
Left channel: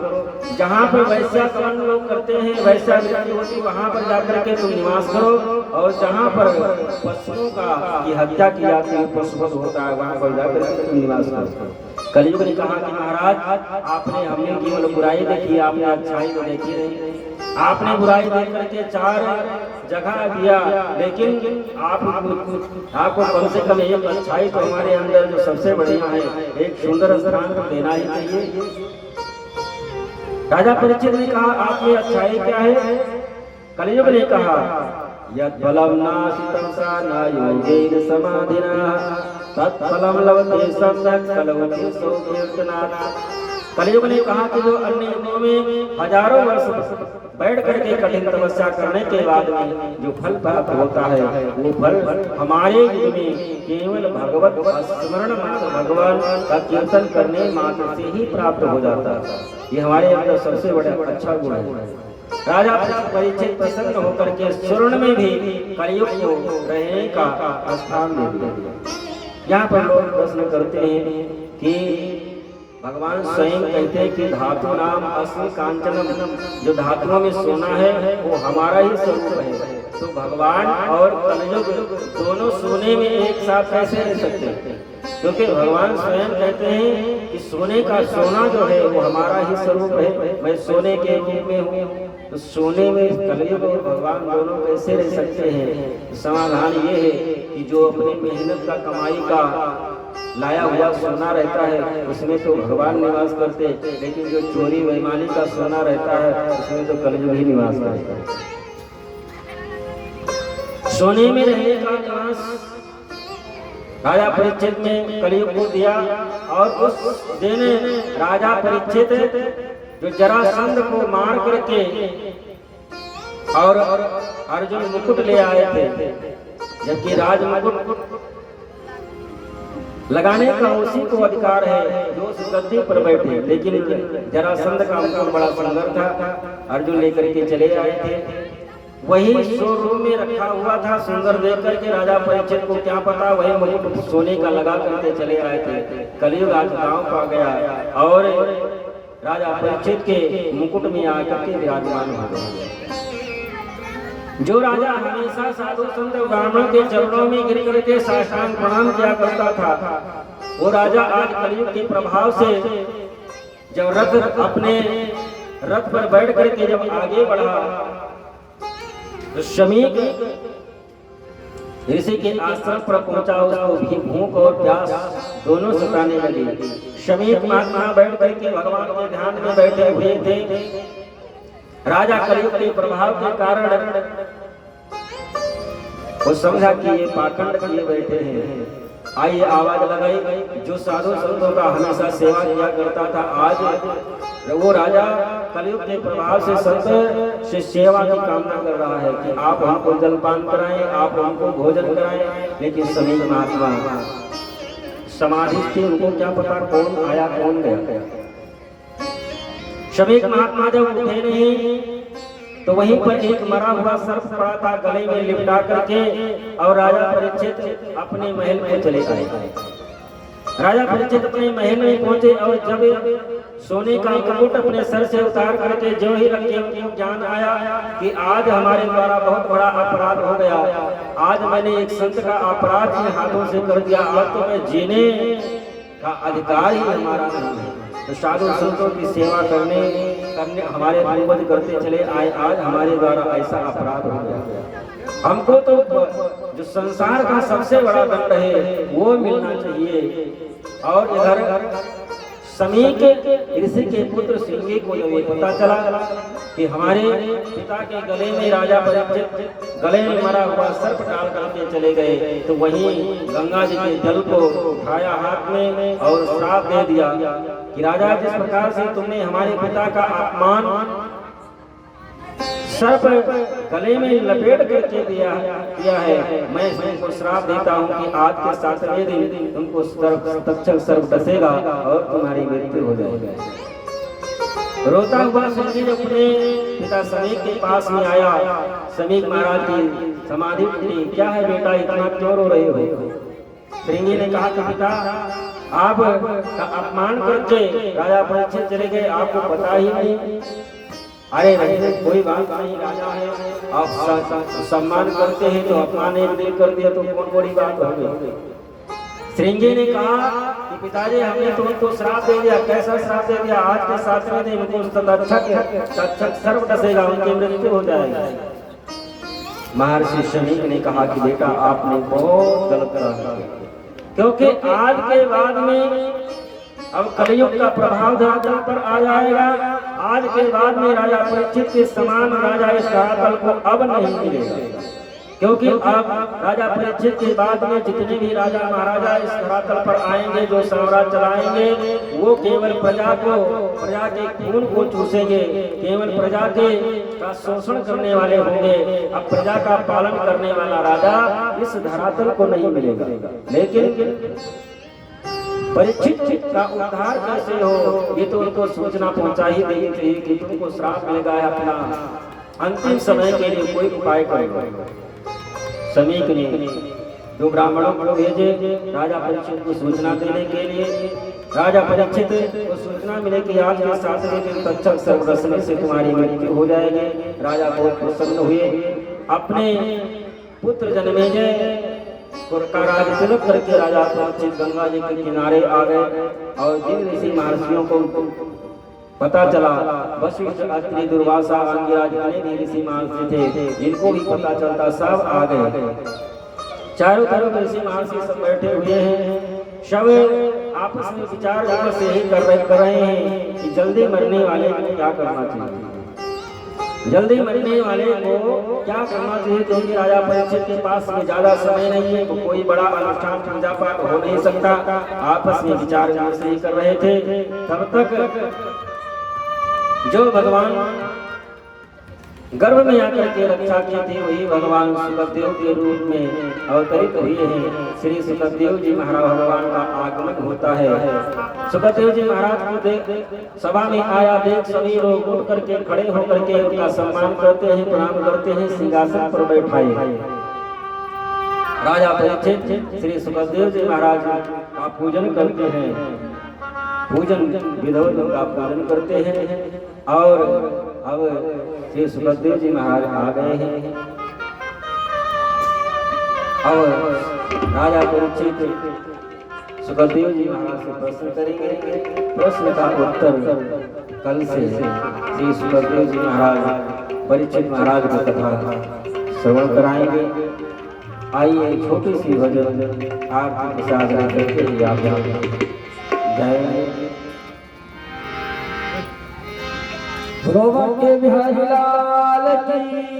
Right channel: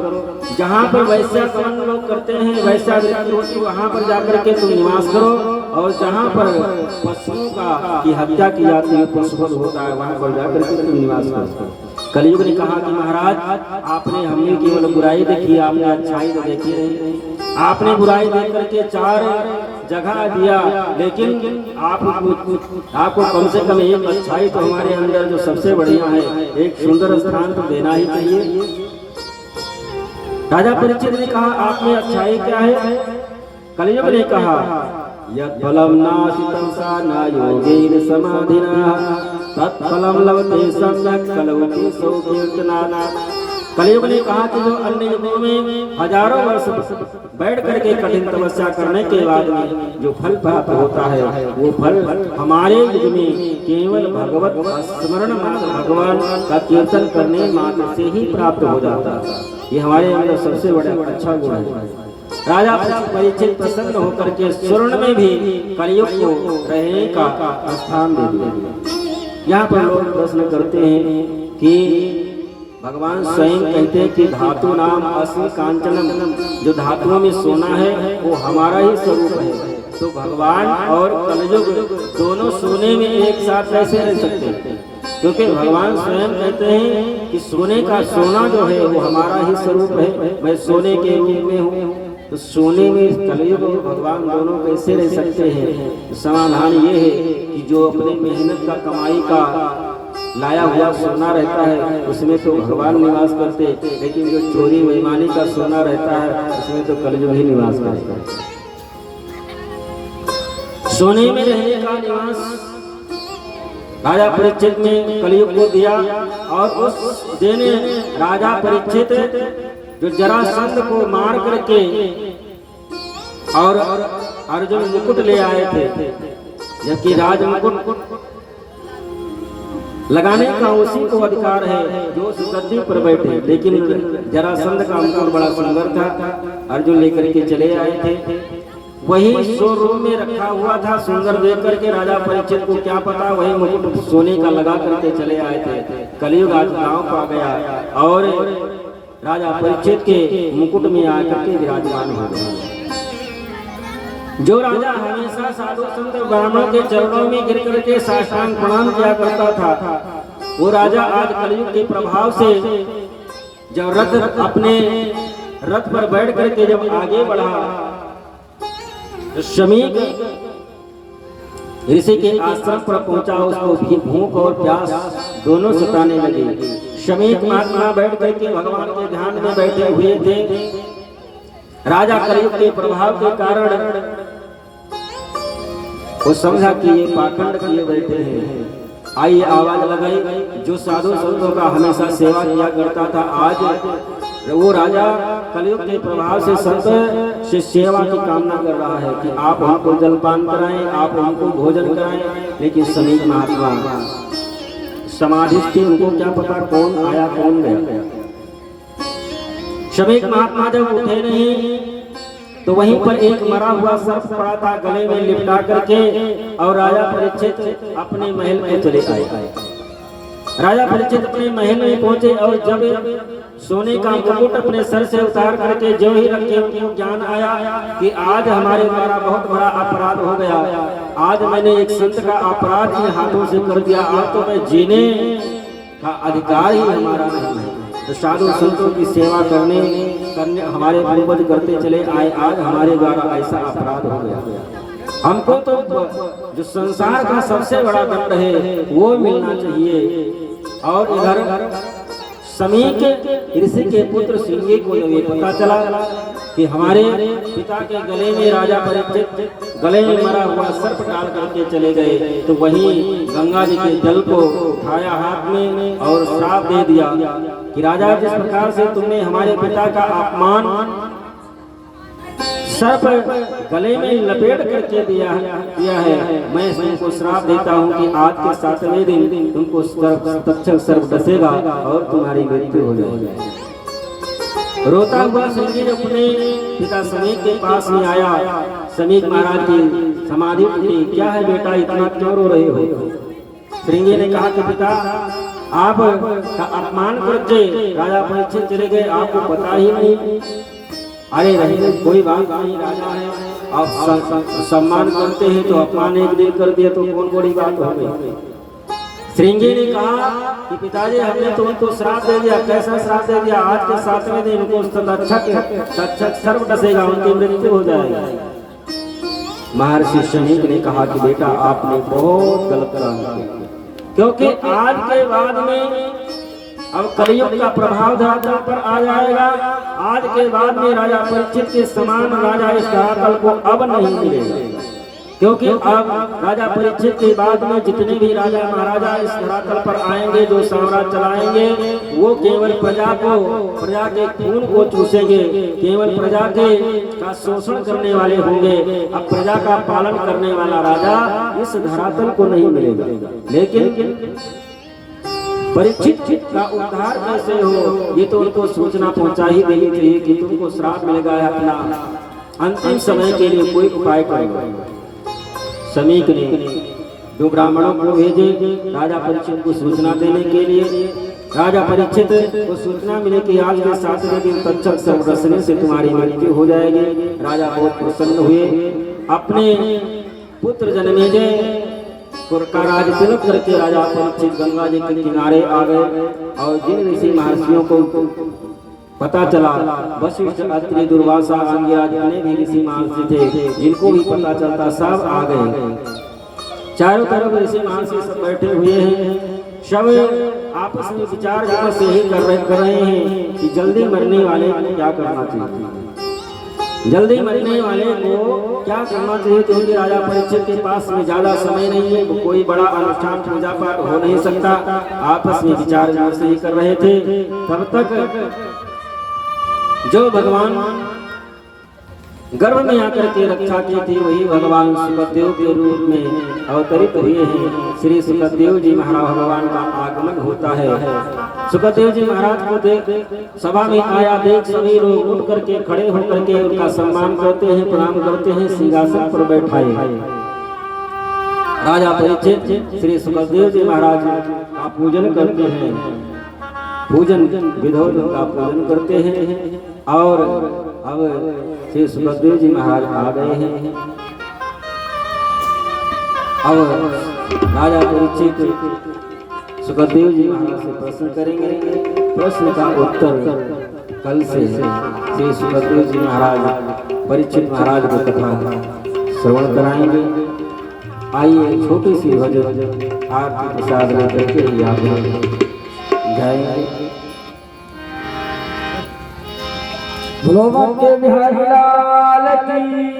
जहाँ पर वैश्याकरण लोग करते हैं, वैश्यावृत्ति होती वहां पर जाकर के तुम निवास करो। और जहाँ पर पशुओं की हत्या की जाती है, पशुवध होता है, वहां पर जाकर के तुम निवास करो। कलयुग ने कहा कि महाराज आपने हमने केवल बुराई देखी, आपने अच्छाई तो देखी नहीं। आपने बुराई देख करके 4 जगह दिया, लेकिन आपको कम से कम एक अच्छाई तो हमारे अंदर जो सबसे बढ़िया है, एक सुंदर स्थान तो देना ही चाहिए। राजा परीक्षित ने कहा आपने अच्छाई क्या है? कलयुग ने कहा यत् फलम नाशितं सा न योगेन समाधिना तत्फलम लभते सम्यक् कलवते सो कीर्तनात्। कलयुग ने कहा कि जो अन्य युगों में हजारों वर्ष बैठ करके कठिन तपस्या करने के बाद में जो फल प्राप्त होता है, वो फल हमारे युग में केवल भगवत स्मरण मात्र भगवान का कीर्तन करने मात्र से ही प्राप्त हो जाता है। ये हमारे अंदर सबसे बड़ा अच्छा गुण है। राजा परीक्षित प्रसन्न होकर के स्वर्ण में भी कलयुग को रहने का स्थान दे दिया। यहाँ पर लोग प्रश्न करते हैं कि भगवान स्वयं कहते हैं कि धातु नाम अस्मि कांचनम, जो धातुओं में सोना है वो हमारा ही स्वरूप है। तो भगवान और कलयुग दोनों सोने में एक साथ कैसे रह सकते हैं? क्योंकि भगवान स्वयं कहते हैं कि सोने का सोना जो है वो हमारा ही स्वरूप है, मैं सोने के रूप में हूँ। तो सोने में कलयुग और भगवान दोनों कैसे रह सकते हैं? समाधान ये है कि जो अपने मेहनत का कमाई का लाया हुआ सोना रहता है उसमें तो भगवान निवास करते, लेकिन जो चोरी बेईमानी का सोना रहता है उसमें तो कलयुग ही निवास करता है। सोने में रहने का निवास राजा परीक्षित ने कलयुग को दिया। और उस दिन राजा परीक्षित जो जरासंध को मार करके और अर्जुन मुकुट ले आए थे, जबकि राज मुकुट लगाने का उसी को अधिकार है जो उस गद्दी पर बैठे, लेकिन जरासंध का मुकुट बड़ा सुंदर था, अर्जुन लेकर के चले आए थे। वही शोरूम में रखा हुआ था, सुंदर देख करके राजा परीक्षित को क्या पता वही मुकुट सोने का लगा करके चले आए थे। कलयुग आज गांव पा गया और राजा परीक्षित के मुकुट में आकर के विराजमान हो गया। जो राजा हमेशा साधु संत ब्राह्मणों के चरणों में गिर करके साष्टांग प्रणाम किया करता था, वो राजा आज कलयुग के प्रभाव से जब रथ अपने रथ पर बैठ करके जब आगे बढ़ा, शमीक ऋषि के आश्रम पर पहुंचा। उसको भी भूख और प्यास दोनों सताने लगे। शमीक महात्मा बैठ करके भगवान के ध्यान में बैठे हुए थे। राजा कलयुग के प्रभाव के कारण वो समझा कि ये पाखंड किए बैठे हैं। आइए आवाज लगाई, जो साधु संतों का हमेशा सेवा किया करता था, आज वो राजा कलयुग के प्रभाव से संत से सेवा की कामना कर रहा है कि आप हमको जलपान कराएं, आप हमको भोजन कराएं। लेकिन शमीक महात्मा समाधि थी, उनको क्या पता कौन आया कौन गया। शमीक महात्मा जब उठे नहीं तो वहीं पर एक मरा हुआ सर्प पड़ा था, गले में लिपटा करके, और राजा परीक्षित अपने महल में चले आए। राजा परीक्षित अपने महल में पहुंचे और जब सोने का मुकुट अपने सर से उतार करके जो ही रखे, उनको ज्ञान आया कि आज हमारे द्वारा बहुत बड़ा अपराध हो गया, आज मैंने एक संत का अपराध इन हाथों से कर दिया, अब तो मैं जीने का अधिकार ही हमारा नहीं है। तो साधु संतों की सेवा करने हमारे पूर्वज करते चले आए, आज हमारे द्वारा ऐसा अपराध हो गया। हमको तो जो संसार का सबसे बड़ा दंड है वो मिलना चाहिए। और इधर शमीक ऋषि के पुत्र सिंगी को जब ये पता चला कि हमारे पिता के गले में राजा परीक्षित गले में मरा हुआ सर्प डाल करके चले गए, तो वहीं गंगा जी के जल को उठाया हाथ में और श्राप दे दिया कि राजा, जिस प्रकार से तुमने हमारे पिता का अपमान सर्प गले में लपेट करके दिया है, मैं तुमको श्राप देता हूँ कि आज के 7वें दिन तुमको तक्षक सर्प डसेगा और तुम्हारी मृत्यु हो जाएगी। रोता हुआ श्रृंगी जब अपने पिता समीक के पास में आया, समीक महाराज की समाधि टूटी। क्या है बेटा, इतना क्यों रो रहे हो? श्रृंगी ने कहा कि पिता आप का अपमान करके राजा परीक्षित चले गए, आपको पता ही नहीं। अरे रहने कोई बात नहीं, राजा है, आप सम्मान करते हैं तो अपमान एक दिन कर दिया तो कौन बड़ी बात हो गई। श्रृंगी ने कहा कि पिताजी हमने तुमको श्राप दे दिया। कैसा श्राप दे दिया? आज के 7वें दिन उनको तक्षक सर्व डसेगा, उनकी मृत्यु हो जाएगी। महर्षि शमीक ने कहा कि बेटा आपने बहुत गलत काम किया, क्योंकि आज के बाद में अब कलयुग का प्रभाव धरातल पर आ जाएगा। आज के बाद में राजा परीक्षित के समान राजा इस धरातल को अब नहीं मिलेगा, क्योंकि अब राजा परीक्षित के बाद में जितने भी राजा महाराजा इस धरातल पर आएंगे, जो साम्राज्य चलाएंगे, वो केवल प्रजा के खून को चूसेंगे, केवल प्रजा के का शोषण करने वाले होंगे। अब प्रजा का पालन करने वाला राजा इस धरातल को नहीं मिलेगा। लेकिन परीक्षित का उद्धार कैसे हो, ये तो उनको सूचना पहुंचा ही देनी चाहिए कि तुमको श्राप मिलेगा, अपना अंतिम समय के लिए कोई उपाय करेगा। समीक ने दो ब्राह्मणों को भेजे राजा परीक्षित को सूचना देने के लिए। राजा परीक्षित को सूचना मिले कि आज के 7वें दिन तक्षक सर्प डसने से तुम्हारी मृत्यु हो जाएगी। राजा बहुत प्रसन्न हुए, अपने पुत्र जन्मेजय का राज तिलक करके राजा परीक्षित गंगा जी के किनारे आ गए। और जिन ऋषि महर्षियों को पता चला, वशिष्ठ, अत्रि, दुर्वासा, अंगिरा, जितने भी ऋषि महर्षि थे, जिनको भी पता चलता सब आ गए। चारों तरफ ऋषि महर्षि सब बैठे हुए हैं, सब आपस में विचार विमर्श यही कर रहे हैं कि जल्दी मरने वाले को क्या करना चाहिए, जल्दी मरने वाले को क्या करना चाहिए। क्योंकि राजा परीक्षित के पास में ज्यादा समय नहीं है, तो कोई बड़ा अनुष्ठान पूजा पाठ हो नहीं सकता। आपस में विचार विमर्श ही कर रहे थे। तब तक जो भगवान गर्भ में आकर के रक्षा की थी, वही भगवान सुखदेव के रूप में अवतरित हुए हैं। श्री सुखदेव जी महाराज भगवान का आगमन होता है। सुखदेव जी महाराज को देख सभा में आया देख सभी लोग उठ करके खड़े होकर के उनका सम्मान करते हैं, प्रणाम करते हैं, सिंहासन पर बैठाए। राजा परीक्षित श्री सुखदेव जी महाराज का पूजन करते हैं, पूजन विधोद का पूजन करते हैं। और अब श्री सुखदेव जी महाराज आ गए हैं। अब राजा परीक्षित सुखदेव जी महाराज से प्रश्न करेंगे। प्रश्न का उत्तर कल से श्री सुखदेव जी महाराज परीक्षित महाराज को कथा श्रवण कराएंगे। आइए छोटी सी भजन आप प्रसाद लेकर के जय भगवान के बिहारी लाल की।